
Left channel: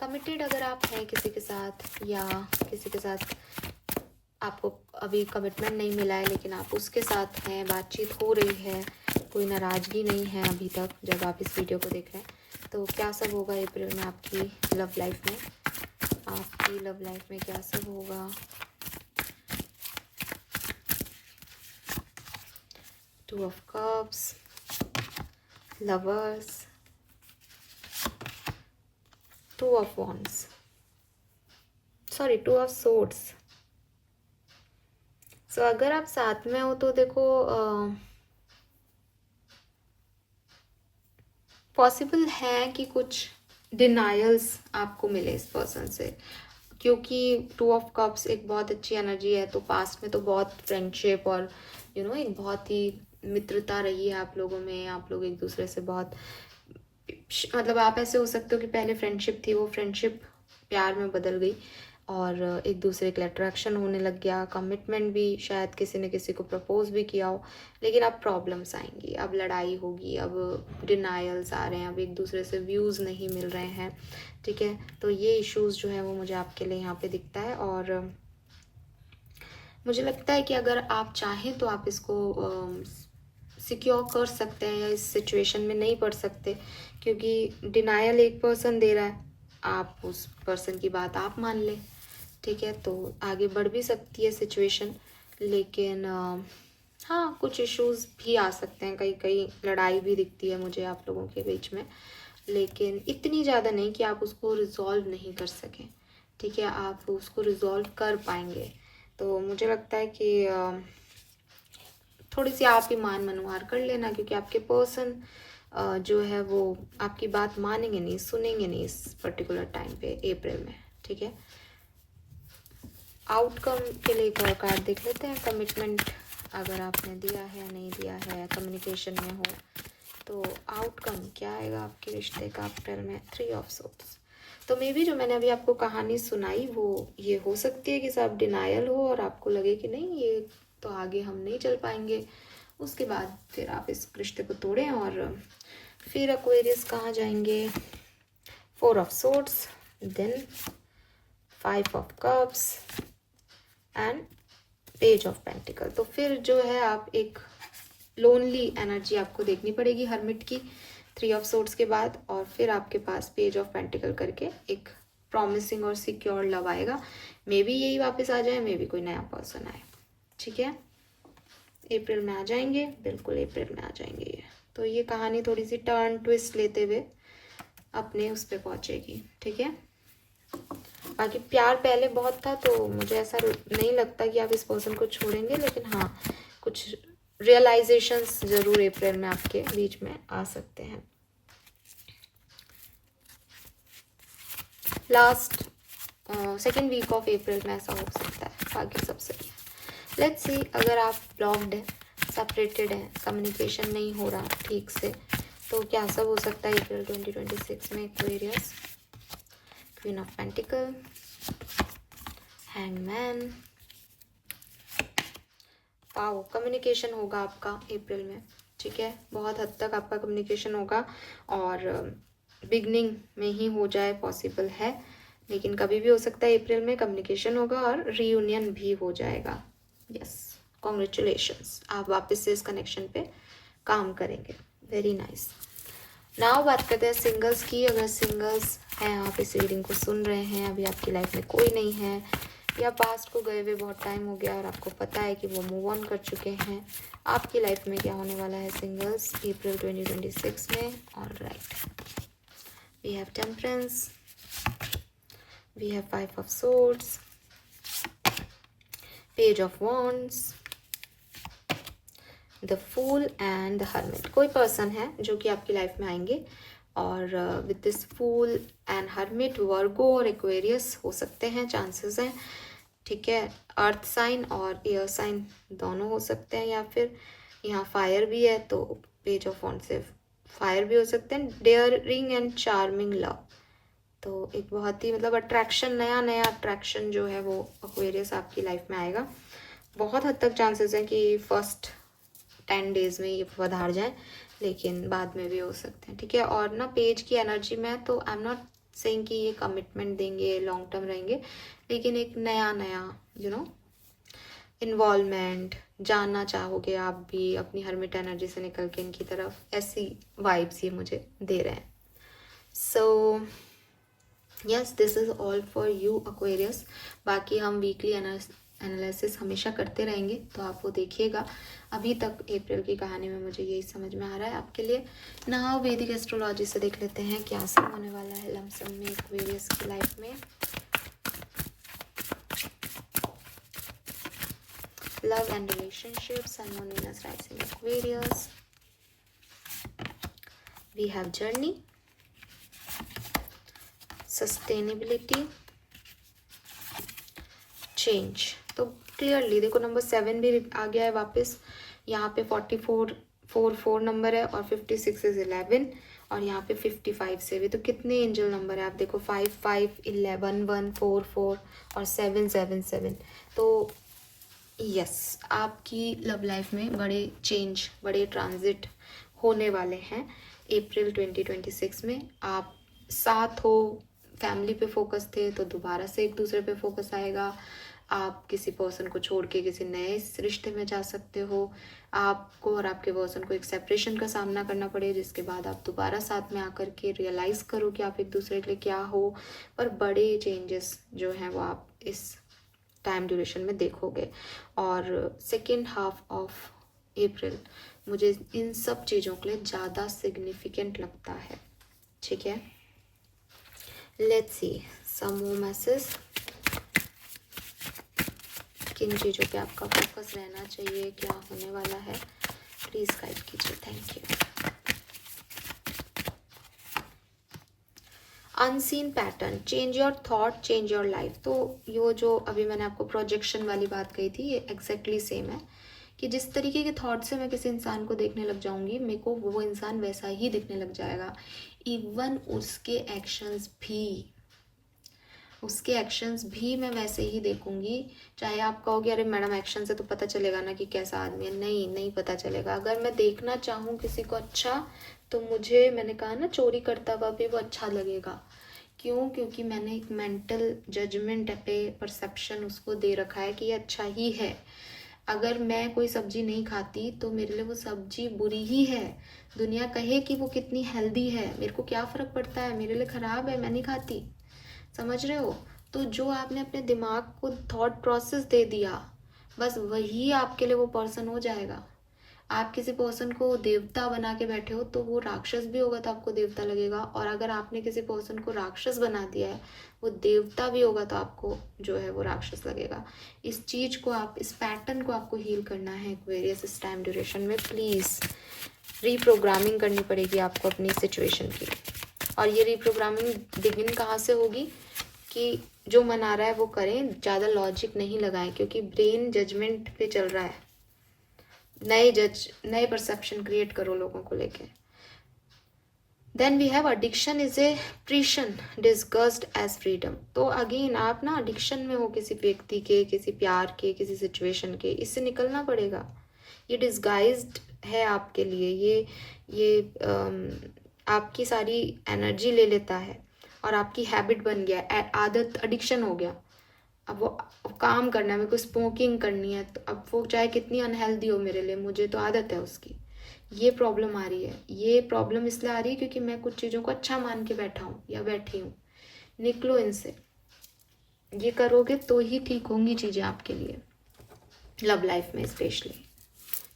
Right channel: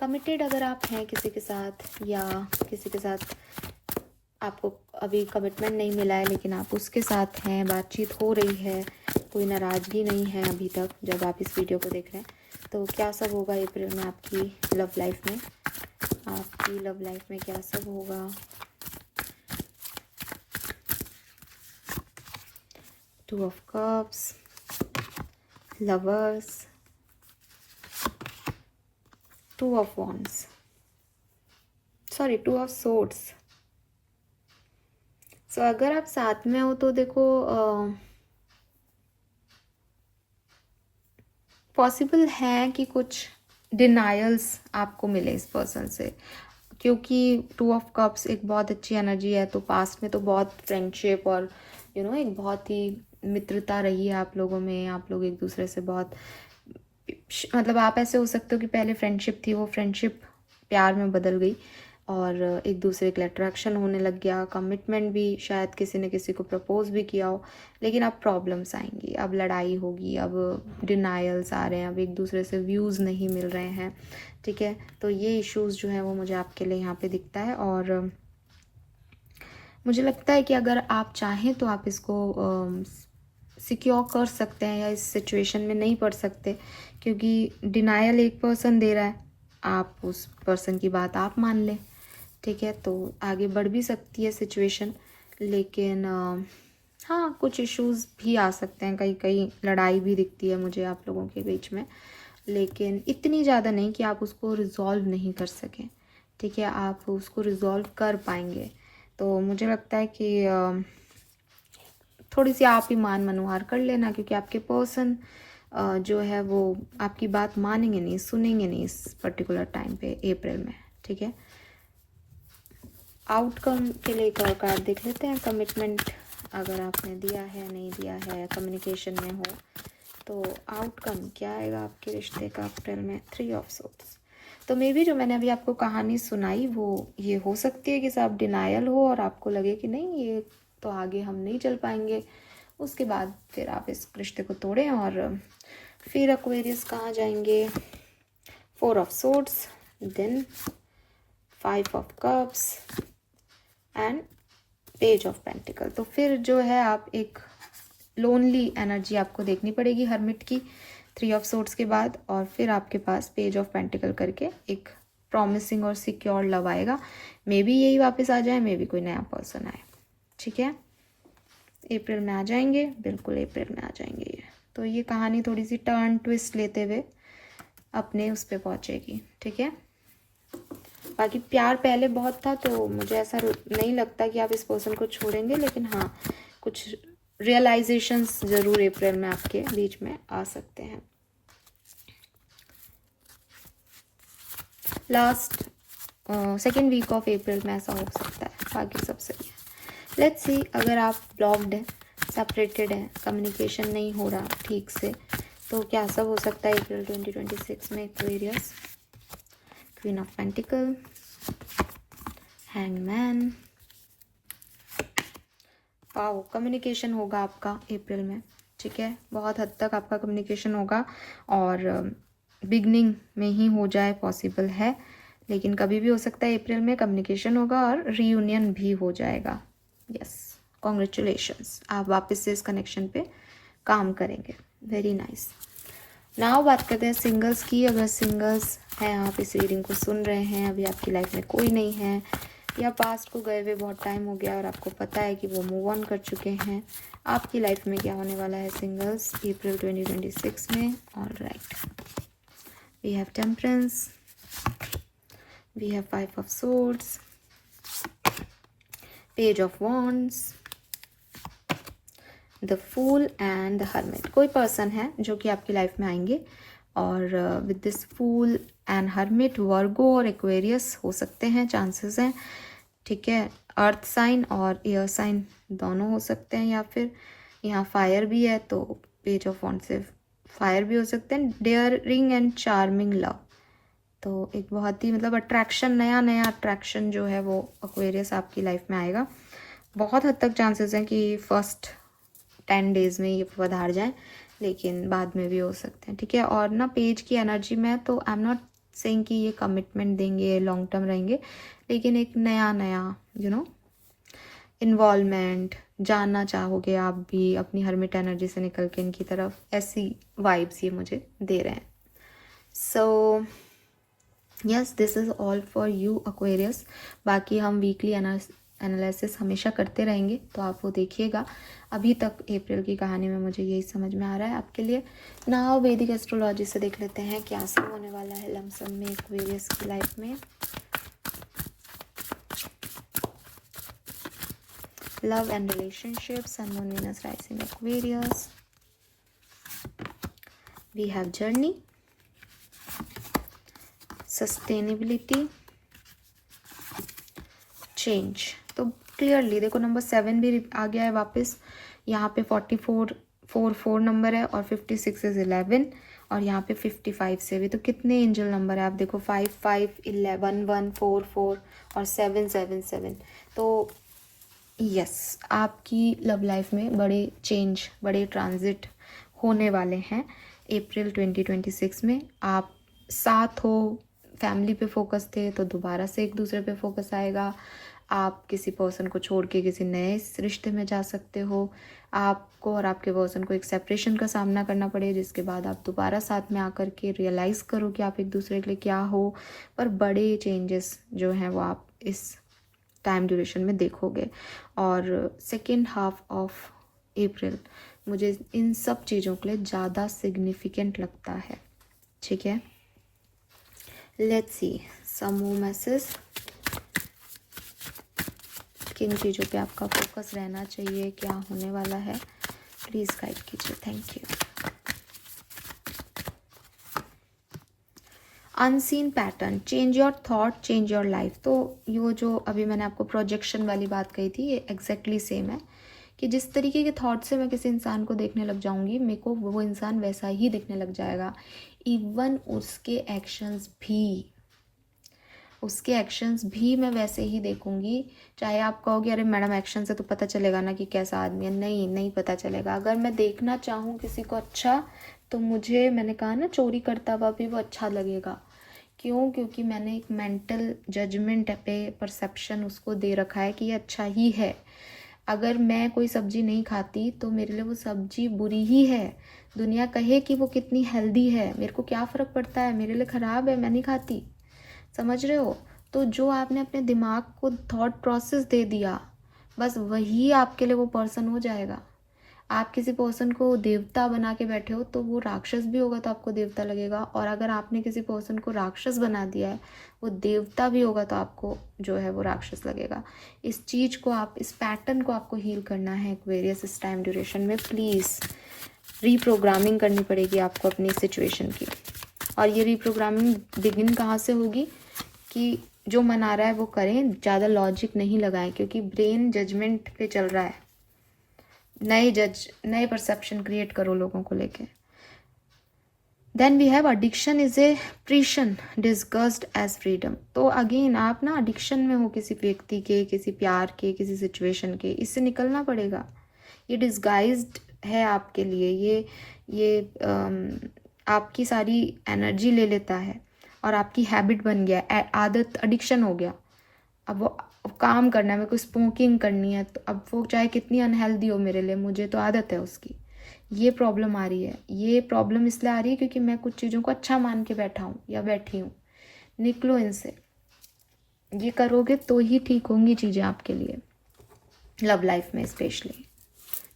कमिटेड अगर आप हैं किसी के साथ या किसी के साथ आपको अभी कमिटमेंट नहीं मिला है लेकिन आप उसके साथ हैं, बातचीत हो रही है, कोई नाराज़गी नहीं है अभी तक जब आप इस वीडियो को देख रहे हैं, तो क्या सब होगा अप्रैल में आपकी लव लाइफ में। आपकी लव लाइफ में क्या सब होगा। Two of cups, lovers, two of wands, sorry 2 of swords. So अगर आप साथ में हो तो देखो पॉसिबल है कि कुछ डिनायल्स आपको मिले इस पर्सन से, क्योंकि 2 ऑफ कप्स एक बहुत अच्छी एनर्जी है। तो पास्ट में तो बहुत फ्रेंडशिप और एक बहुत ही मित्रता रही है आप लोगों में। आप लोग एक दूसरे से बहुत मतलब आप ऐसे हो सकते हो कि पहले फ्रेंडशिप थी, वो फ्रेंडशिप प्यार में बदल गई और एक दूसरे के लिए अट्रैक्शन होने लग गया। कमिटमेंट भी शायद किसी ने किसी को प्रपोज भी किया हो, लेकिन अब प्रॉब्लम्स आएंगी, अब लड़ाई होगी, अब डिनायल्स आ रहे हैं, अब एक दूसरे से व्यूज़ नहीं मिल रहे हैं। ठीक है, तो ये इश्यूज़ जो है वो मुझे आपके लिए यहाँ पे दिखता है। और मुझे लगता है कि अगर आप चाहें तो आप इसको सिक्योर कर सकते हैं या इस सिचुएशन में नहीं पड़ सकते, क्योंकि डिनायल एक पर्सन दे रहा है आप उस पर्सन की बात आप मान लें, ठीक है, तो आगे बढ़ भी सकती है सिचुएशन। लेकिन हाँ, कुछ इश्यूज भी आ सकते हैं, कहीं कहीं लड़ाई भी दिखती है मुझे आप लोगों के बीच में, लेकिन इतनी ज़्यादा नहीं कि आप उसको रिजॉल्व नहीं कर सकें, ठीक है, आप उसको रिजॉल्व कर पाएंगे। तो मुझे लगता है कि थोड़ी सी आप ही मान मनोहार कर लेना, क्योंकि आपके पर्सन जो है वो आपकी बात मानेंगे नहीं, सुनेंगे नहीं इस पर्टिकुलर टाइम पे अप्रैल में, ठीक है। आउटकम के लिए एक और कार्ड देख लेते हैं। कमिटमेंट अगर आपने दिया है, नहीं दिया है, कम्युनिकेशन में हो, तो आउटकम क्या आएगा आपके रिश्ते का अप्रैल में। 3 ऑफ सोर्ड्स। तो मे बी जो मैंने अभी आपको कहानी सुनाई वो ये हो सकती है कि साहब डिनायल हो और आपको लगे कि नहीं ये तो आगे हम नहीं चल पाएंगे, उसके बाद फिर आप इस रिश्ते को तोड़ें और फिर एक्वेरियस कहाँ जाएंगे। 4 of swords, then 5 of cups and page of pentacle. तो फिर जो है आप एक लोनली एनर्जी आपको देखनी पड़ेगी हर्मिट की 3 ऑफ सोर्ड्स के बाद, और फिर आपके पास पेज ऑफ पेंटिकल करके एक प्रॉमिसिंग और सिक्योर लव आएगा। मे बी यही वापस आ जाए, मे बी कोई नया पर्सन आए, ठीक है। अप्रैल में आ जाएंगे, बिल्कुल अप्रैल में आ जाएंगे ये। तो ये कहानी थोड़ी सी टर्न ट्विस्ट लेते हुए अपने उस पर पहुंचेगी, ठीक है। बाकी प्यार पहले बहुत था, तो मुझे ऐसा नहीं लगता कि आप इस पर्सन को छोड़ेंगे, लेकिन हाँ कुछ रियलाइजेशंस जरूर अप्रैल में आपके बीच में आ सकते हैं। Last second week of April में ऐसा हो सकता है, बाकी सब सही है। लेट्स सी, अगर आप ब्लॉक्ड है, सेपरेटेड है, कम्युनिकेशन नहीं हो रहा ठीक से, तो क्या सब हो सकता है अप्रैल 2026 में Aquarius. Queen of pentacle, hangman. Wow, communication होगा आपका अप्रैल में, ठीक है, बहुत हद तक आपका कम्युनिकेशन होगा, और बिगनिंग में ही हो जाए पॉसिबल है, लेकिन कभी भी हो सकता है अप्रैल में कम्युनिकेशन होगा और रीयूनियन भी हो जाएगा। यस, कॉन्ग्रेचुलेशंस, आप वापस से इस कनेक्शन पे काम करेंगे। Very nice. नाउ बात करते हैं सिंगल्स की। अगर सिंगल्स हैं, आप इस रीडिंग को सुन रहे हैं, अभी आपकी लाइफ में कोई नहीं है, या पास्ट को गए हुए बहुत टाइम हो गया और आपको पता है कि वो मूव ऑन कर चुके हैं, आपकी लाइफ में क्या होने वाला है सिंगल्स अप्रैल 2026 में। Alright, we have temperance, we have 5 of swords, page of wands, the fool and the hermit. कोई पर्सन है जो कि आपकी लाइफ में आएंगे, और with this fool and hermit Virgo और एक्वेरियस हो सकते हैं, चांसेस हैं, ठीक है। अर्थ साइन और एयर साइन दोनों हो सकते हैं, या फिर यहाँ फायर भी है, तो पेज ऑफ वॉन्ड से फायर भी हो सकते हैं। डेयरिंग एंड चार्मिंग लव, तो एक बहुत ही मतलब अट्रैक्शन, नया नया अट्रैक्शन जो है वो एक्वेरियस आपकी लाइफ में आएगा। बहुत हद तक चांसेस हैं कि फर्स्ट 10 डेज में ये पधार जाए, लेकिन बाद में भी हो सकते हैं, ठीक है। और ना पेज की एनर्जी में, तो आई एम नॉट सेइंग कि ये कमिटमेंट देंगे, लॉन्ग टर्म रहेंगे, लेकिन एक नया नया इन्वॉल्वमेंट, जानना चाहोगे आप भी अपनी हर्मिट एनर्जी से निकल के इनकी तरफ, ऐसी वाइब्स ये मुझे दे रहे हैं। So yes, this is all for you Aquarius. बाकी हम वीकली एनालिसिस हमेशा करते रहेंगे, तो आप वो देखिएगा। अभी तक अप्रैल की कहानी में मुझे यही समझ में आ रहा है आपके लिए। ना वैदिक एस्ट्रोलॉजी से देख लेते हैं क्या सब होने वाला है लमसम में एक्वेरियस की लाइफ में। Love and relationships, sun moon Venus rising Aquarius. We have journey, sustainability, change. तो क्लियरली देखो नंबर 7 भी आ गया है वापस, यहाँ पे 44 नंबर है, और 56 इज 11, और यहाँ पे 55 से भी। तो कितने एंजल नंबर है आप देखो, 5 5 11 1 4 4 और 7 7 7। तो यस, आपकी लव लाइफ में बड़े चेंज, बड़े ट्रांजिट होने वाले हैं अप्रैल 2026 में। आप साथ हो, फैमिली पे फोकस थे तो दोबारा से एक दूसरे पे फोकस आएगा। आप किसी पर्सन को छोड़ के किसी नए रिश्ते में जा सकते हो। आपको और आपके पर्सन को एक सेपरेशन का सामना करना पड़े, जिसके बाद आप दोबारा साथ में आकर के रियलाइज़ करो कि आप एक दूसरे के लिए क्या हो। पर बड़े चेंजेस जो हैं वो आप इस टाइम ड्यूरेशन में देखोगे। और सेकेंड हाफ ऑफ अप्रैल मुझे इन सब चीज़ों के लिए ज़्यादा सिग्निफिकेंट लगता है। ठीक है, let's see some more message. किन चीज़ों पे आपका फोकस रहना चाहिए, क्या होने वाला है, प्लीज़ गाइड कीजिए। Thank you. Unseen pattern, change your thought change your life. तो ये जो अभी मैंने आपको प्रोजेक्शन वाली बात कही थी, ये एग्जैक्टली सेम है कि जिस तरीके के थॉट से मैं किसी इंसान को देखने लग जाऊंगी, मेरे को वो इंसान वैसा ही दिखने लग जाएगा। इवन उसके एक्शंस भी मैं वैसे ही देखूंगी। चाहे आप कहोगे अरे मैडम एक्शन से तो पता चलेगा ना कि कैसा आदमी है। नहीं पता चलेगा। अगर मैं देखना चाहूँ किसी को अच्छा, तो मुझे, मैंने कहा ना, चोरी करता हुआ भी वो अच्छा लगेगा। क्यों? क्योंकि मैंने एक मेंटल जजमेंट पे परसेप्शन उसको दे रखा है कि ये अच्छा ही है। अगर मैं कोई सब्जी नहीं खाती तो मेरे लिए वो सब्जी बुरी ही है। दुनिया कहे कि वो कितनी हेल्दी है, मेरे को क्या फ़र्क पड़ता है, मेरे लिए ख़राब है, मैं नहीं खाती। समझ रहे हो? तो जो आपने अपने दिमाग को थॉट प्रोसेस दे दिया, बस वही आपके लिए वो पर्सन हो जाएगा। आप किसी पर्सन को देवता बना के बैठे हो तो वो राक्षस भी होगा तो आपको देवता लगेगा, और अगर आपने किसी पर्सन को राक्षस बना दिया है, वो देवता भी होगा तो आपको जो है वो राक्षस लगेगा। इस चीज़ को आप, इस पैटर्न को आपको हील करना है एक्वेरियस इस टाइम ड्यूरेशन में। प्लीज़ रीप्रोग्रामिंग करनी पड़ेगी आपको अपनी सिचुएशन की। और ये रीप्रोग्रामिंग बिगिन कहाँ से होगी कि जो मना रहा है वो करें, ज़्यादा लॉजिक नहीं लगाएं, क्योंकि ब्रेन जजमेंट पे चल रहा है। नए परसेप्शन क्रिएट करो लोगों को लेके। Then we have addiction is a perception disguised as freedom. तो अगेन आप ना एडिक्शन में हो किसी व्यक्ति के, किसी प्यार के, किसी सिचुएशन के, इससे निकलना पड़ेगा। ये डिस्गाइज्ड है आपके लिए, ये आपकी सारी एनर्जी ले लेता है और आपकी हैबिट बन गया, आदत, एडिक्शन हो गया। अब वो काम करना है, मेरे को स्मोकिंग करनी है, तो अब वो चाहे कितनी अनहेल्दी हो मेरे लिए, मुझे तो आदत है उसकी। ये प्रॉब्लम आ रही है। ये प्रॉब्लम इसलिए आ रही है क्योंकि मैं कुछ चीज़ों को अच्छा मान के बैठा हूँ या बैठी हूँ। निकलो इनसे। ये करोगे तो ही ठीक होंगी चीज़ें आपके लिए, लव लाइफ में स्पेशली।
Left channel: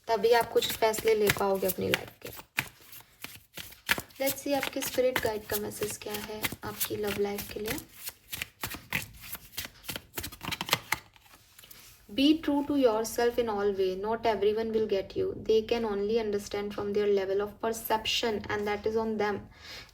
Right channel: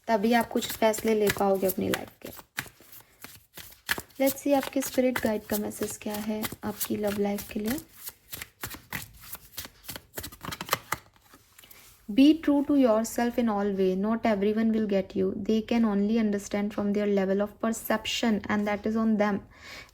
तभी आप कुछ फैसले ले पाओगे अपनी लाइफ के। लेट्स सी आपके स्पिरिट गाइड का मैसेज क्या है आपकी लव लाइफ के लिए। Be true to yourself in all way. Not everyone will get you. They can only understand from their level of perception, and that is on them.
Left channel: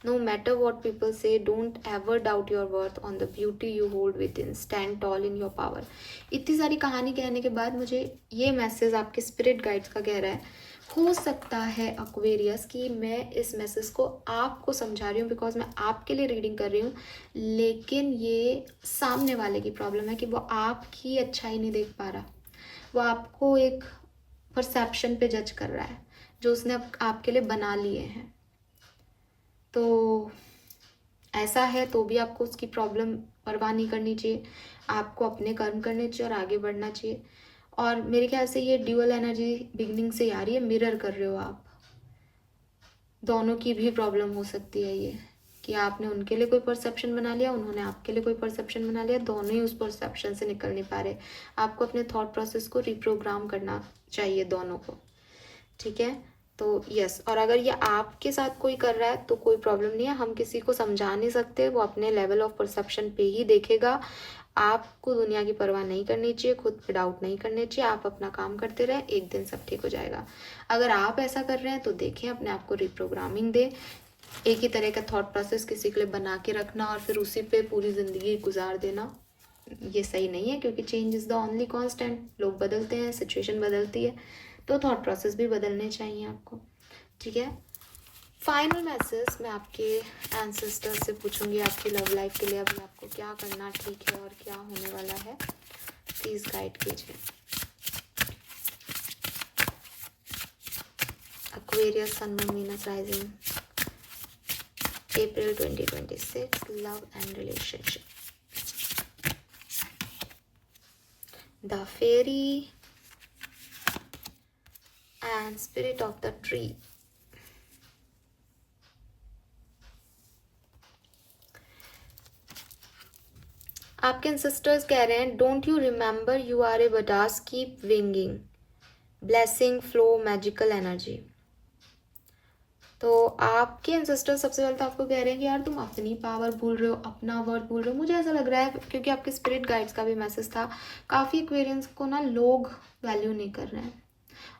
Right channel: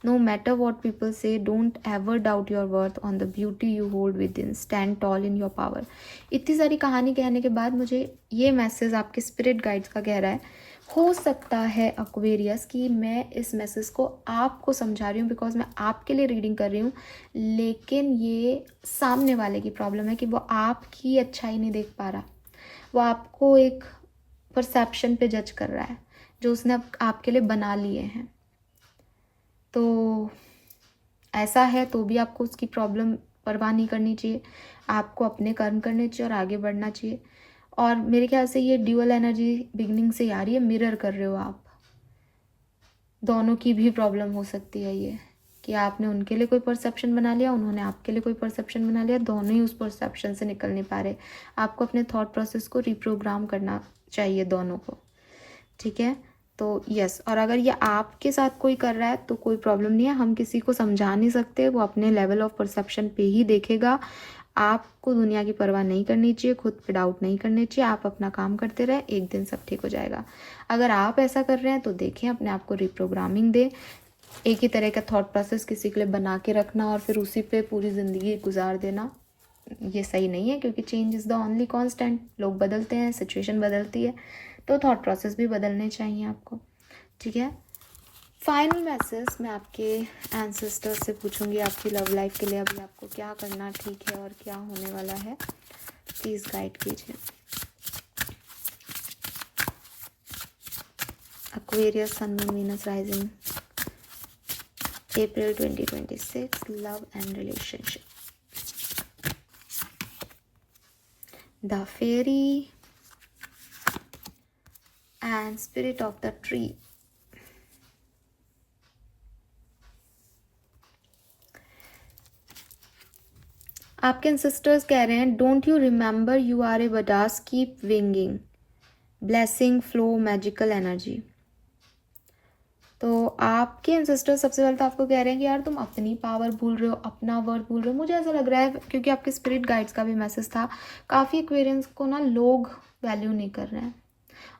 No matter what people say, don't ever doubt your worth on the beauty you hold within. Stand tall in your power. इतनी सारी कहानी कहने के बाद मुझे ये message आपके spirit guides का कह रहा है। हो सकता है एक्वेरियस कि मैं इस मैसेज को आपको समझा रही हूँ बिकॉज मैं आपके लिए रीडिंग कर रही हूँ, लेकिन ये सामने वाले की प्रॉब्लम है कि वो आपकी अच्छाई नहीं देख पा रहा। वो आपको एक परसेप्शन पे जज कर रहा है जो उसने आपके लिए बना लिए हैं। तो ऐसा है तो भी आपको उसकी प्रॉब्लम परवाह नहीं करनी चाहिए। आपको अपने कर्म करने चाहिए और आगे बढ़ना चाहिए। और मेरे ख्याल से ये ड्यूअल एनर्जी बिगनिंग से आ रही है, मिरर कर रहे हो आप। दोनों की भी प्रॉब्लम हो सकती है ये कि आपने उनके लिए कोई परसेप्शन बना लिया, उन्होंने आपके लिए कोई परसेप्शन बना लिया, दोनों ही उस परसेप्शन से निकल नहीं पा रहे। आपको अपने थॉट प्रोसेस को रिप्रोग्राम करना चाहिए दोनों को। ठीक है, तो यस। और अगर ये आपके साथ कोई कर रहा है तो कोई प्रॉब्लम नहीं है, हम किसी को समझा नहीं सकते, वो अपने लेवल ऑफ परसेप्शन पे ही देखेगा। आपको दुनिया की परवाह नहीं करनी चाहिए, खुद पे डाउट नहीं करनी चाहिए। आप अपना काम करते रहे, एक दिन सब ठीक हो जाएगा। अगर आप ऐसा कर रहे हैं तो देखें, अपने आप को रिप्रोग्रामिंग दे। एक ही तरह का थॉट प्रोसेस किसी के लिए बना के रखना और फिर उसी पे पूरी ज़िंदगी गुजार देना, ये सही नहीं है, क्योंकि change is the only constant. लोग बदलते हैं, सिचुएशन बदलती है, तो थॉट प्रोसेस भी बदलने चाहिए आपको। ठीक है, फाइनल मैसेज मैं आपके एंसेस्टर से पूछूंगी आपकी लव लाइफ के लिए। अभी आपको क्या करना ठीक है और क्या होने वाला है, प्लीज़ गाइड कीजिए। Aquarius, sun, moon, Venus, rising, April 2026, love and relationship. The fairy and spirit of the tree. आपके एंसेस्टर्स कह रहे हैं don't you remember you are a badass, keep winging, blessing flow, magical energy. तो आपके ancestor सबसे पहले तो आपको कह रहे हैं कि यार तुम अपनी पावर भूल रहे हो, अपना वर्थ भूल रहे हो। मुझे ऐसा लग रहा है क्योंकि आपके स्पिरिट गाइड्स का भी मैसेज था, काफ़ी एक्वेरियंस को ना लोग वैल्यू नहीं कर रहे हैं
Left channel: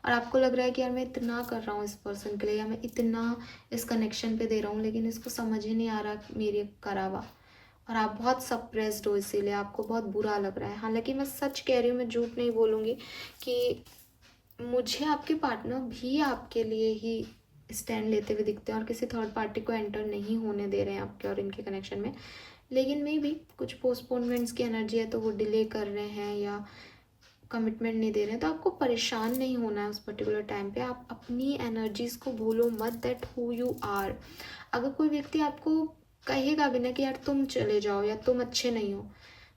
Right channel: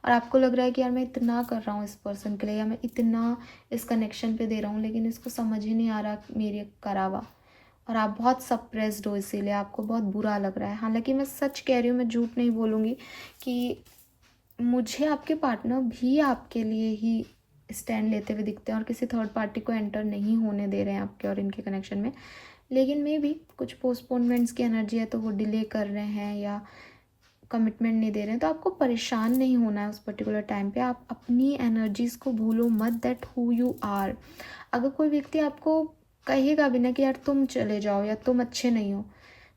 और आपको लग रहा है कि यार मैं इतना कर रहा हूँ इस पर्सन के लिए, या मैं इतना इस कनेक्शन पे दे रहा हूँ, लेकिन इसको समझ ही नहीं आ रहा मेरे करावा, और आप बहुत सप्रेस्ड हो, इसीलिए आपको बहुत बुरा लग रहा है। हालांकि मैं सच कह रही हूँ, मैं झूठ नहीं बोलूँगी कि मुझे आपके पार्टनर भी आपके लिए ही स्टैंड लेते हुए दिखते हैं और किसी थर्ड पार्टी को एंटर नहीं होने दे रहे हैं आपके और इनके कनेक्शन में। लेकिन मे भी कुछ पोस्टपोनमेंट्स की एनर्जी है तो वो डिले कर रहे हैं या कमिटमेंट नहीं दे रहे हैं। तो आपको परेशान नहीं होना है उस पर्टिकुलर टाइम पे। आप अपनी एनर्जीज को भूलो मत, दैट हु यू आर। अगर कोई व्यक्ति आपको कहेगा भी ना कि यार तुम चले जाओ या तुम अच्छे नहीं हो,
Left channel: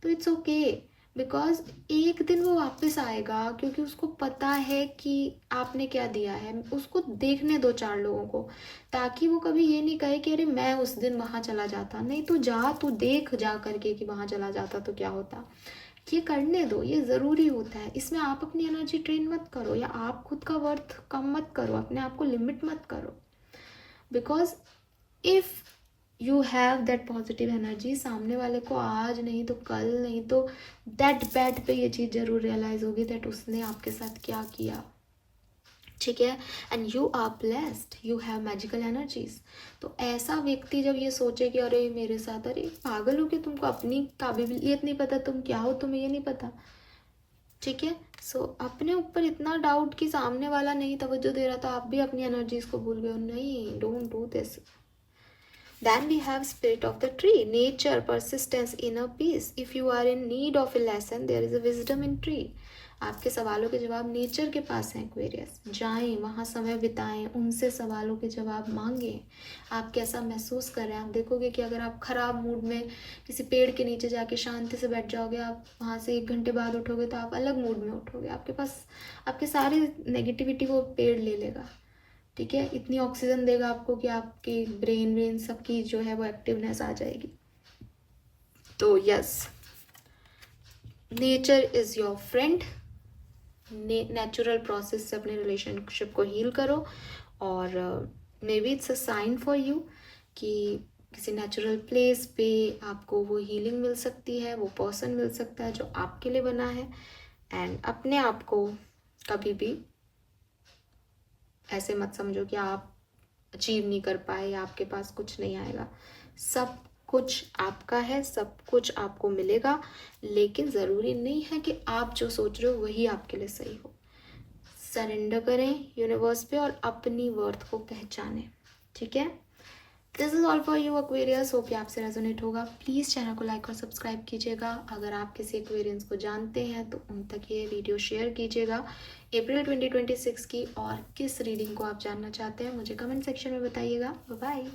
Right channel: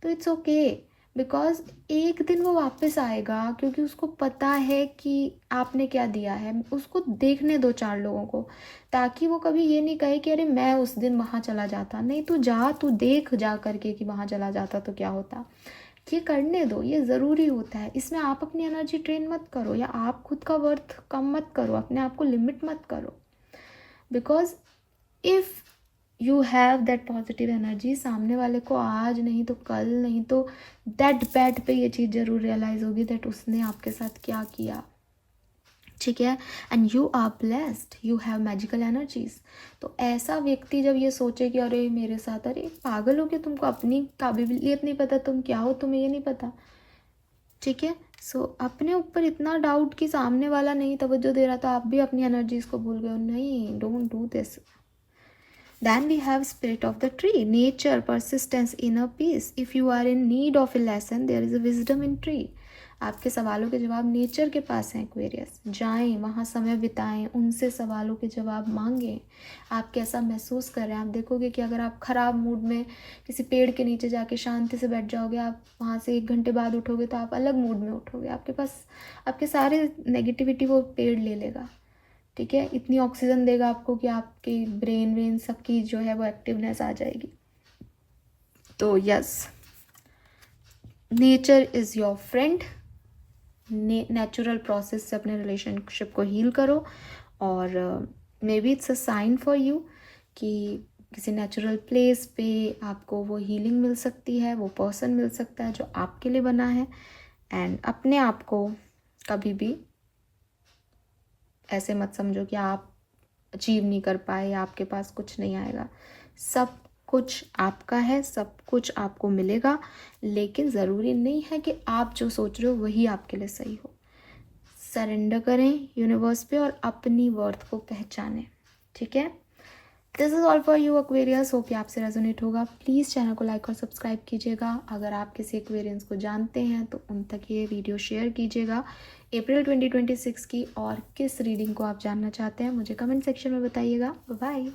तो इट्स ओके, बिकॉज एक दिन वो वापस आएगा, क्योंकि उसको पता है कि आपने क्या दिया है। उसको देखने दो 4 लोगों को, ताकि वो कभी ये नहीं कहे कि अरे मैं उस दिन वहाँ चला जाता। नहीं, तू जा, तू देख जा करके कि वहाँ चला जाता तो क्या होता। ये करने दो, ये ज़रूरी होता है। इसमें आप अपनी एनर्जी ट्रेन मत करो या आप खुद का वर्थ कम मत करो, अपने आप को लिमिट मत करो। Because if you have that positive energy, सामने वाले को आज नहीं तो कल, नहीं तो दैट बैड पे ये चीज़ जरूर रियलाइज होगी दैट उसने आपके साथ क्या किया। ठीक है, and you are blessed, you have magical energies. तो ऐसा व्यक्ति जब ये सोचे कि अरे मेरे साथ, अरे पागल हो, कि तुमको अपनी काबिलियत नहीं पता, तुम क्या हो, तुम्हें ये नहीं पता। ठीक है, सो अपने ऊपर इतना डाउट कि सामने वाला नहीं तवज्जो दे रहा, तो आप भी अपनी एनर्जीज को भूल गए हो। नहीं, don't do this. Then we have spirit of the tree, nature, persistence, inner peace. If you are in need of a lesson, there is a wisdom in tree. आपके सवालों के जवाब नेचर के पास हैं एक्वेरियस। जाएं वहाँ, समय बिताएं, उनसे सवालों के जवाब मांगें। आप कैसा महसूस कर रहे हैं, आप देखोगे कि अगर आप ख़राब मूड में किसी पेड़ के नीचे जाके शांति से बैठ जाओगे, आप वहाँ से 1 घंटे बाद उठोगे तो आप अलग मूड में उठोगे। आपके पास आपके सारे नेगेटिविटी वो पेड़ ले लेगा। ठीक है, इतनी ऑक्सीजन देगा आपको कि आपकी ब्रेन सबकी जो है वो एक्टिवनेस आ जाएगी। तो yes, nature is your friend. Natural process से अपने रिलेशनशिप को हील करो, और maybe it's a sign for you कि किसी नेचुरल प्लेस पे आपको वो हीलिंग मिल सकती है, वो पर्सन मिल सकता है जो आपके लिए बना है। एंड अपने आप को कभी भी ऐसे मत समझो कि आप अचीव नहीं कर पाए या आपके पास कुछ नहीं आएगा। सब कुछ आपका है, सब कुछ आपको मिलेगा, लेकिन ज़रूरी नहीं है कि आप जो सोच रहे हो वही आपके लिए सही हो। सरेंडर करें यूनिवर्स पे और अपनी वर्थ को पहचानें। ठीक है, this is all for you Aquarius. Hope कि आपसे रेजोनेट होगा। प्लीज़ चैनल को लाइक और सब्सक्राइब कीजिएगा। अगर आप किसी एक्वेरियंस को जानते हैं तो उन तक ये वीडियो शेयर कीजिएगा अप्रैल 2026 की, और किस रीडिंग को आप जानना चाहते हैं मुझे कमेंट सेक्शन में बताइएगा। बाय।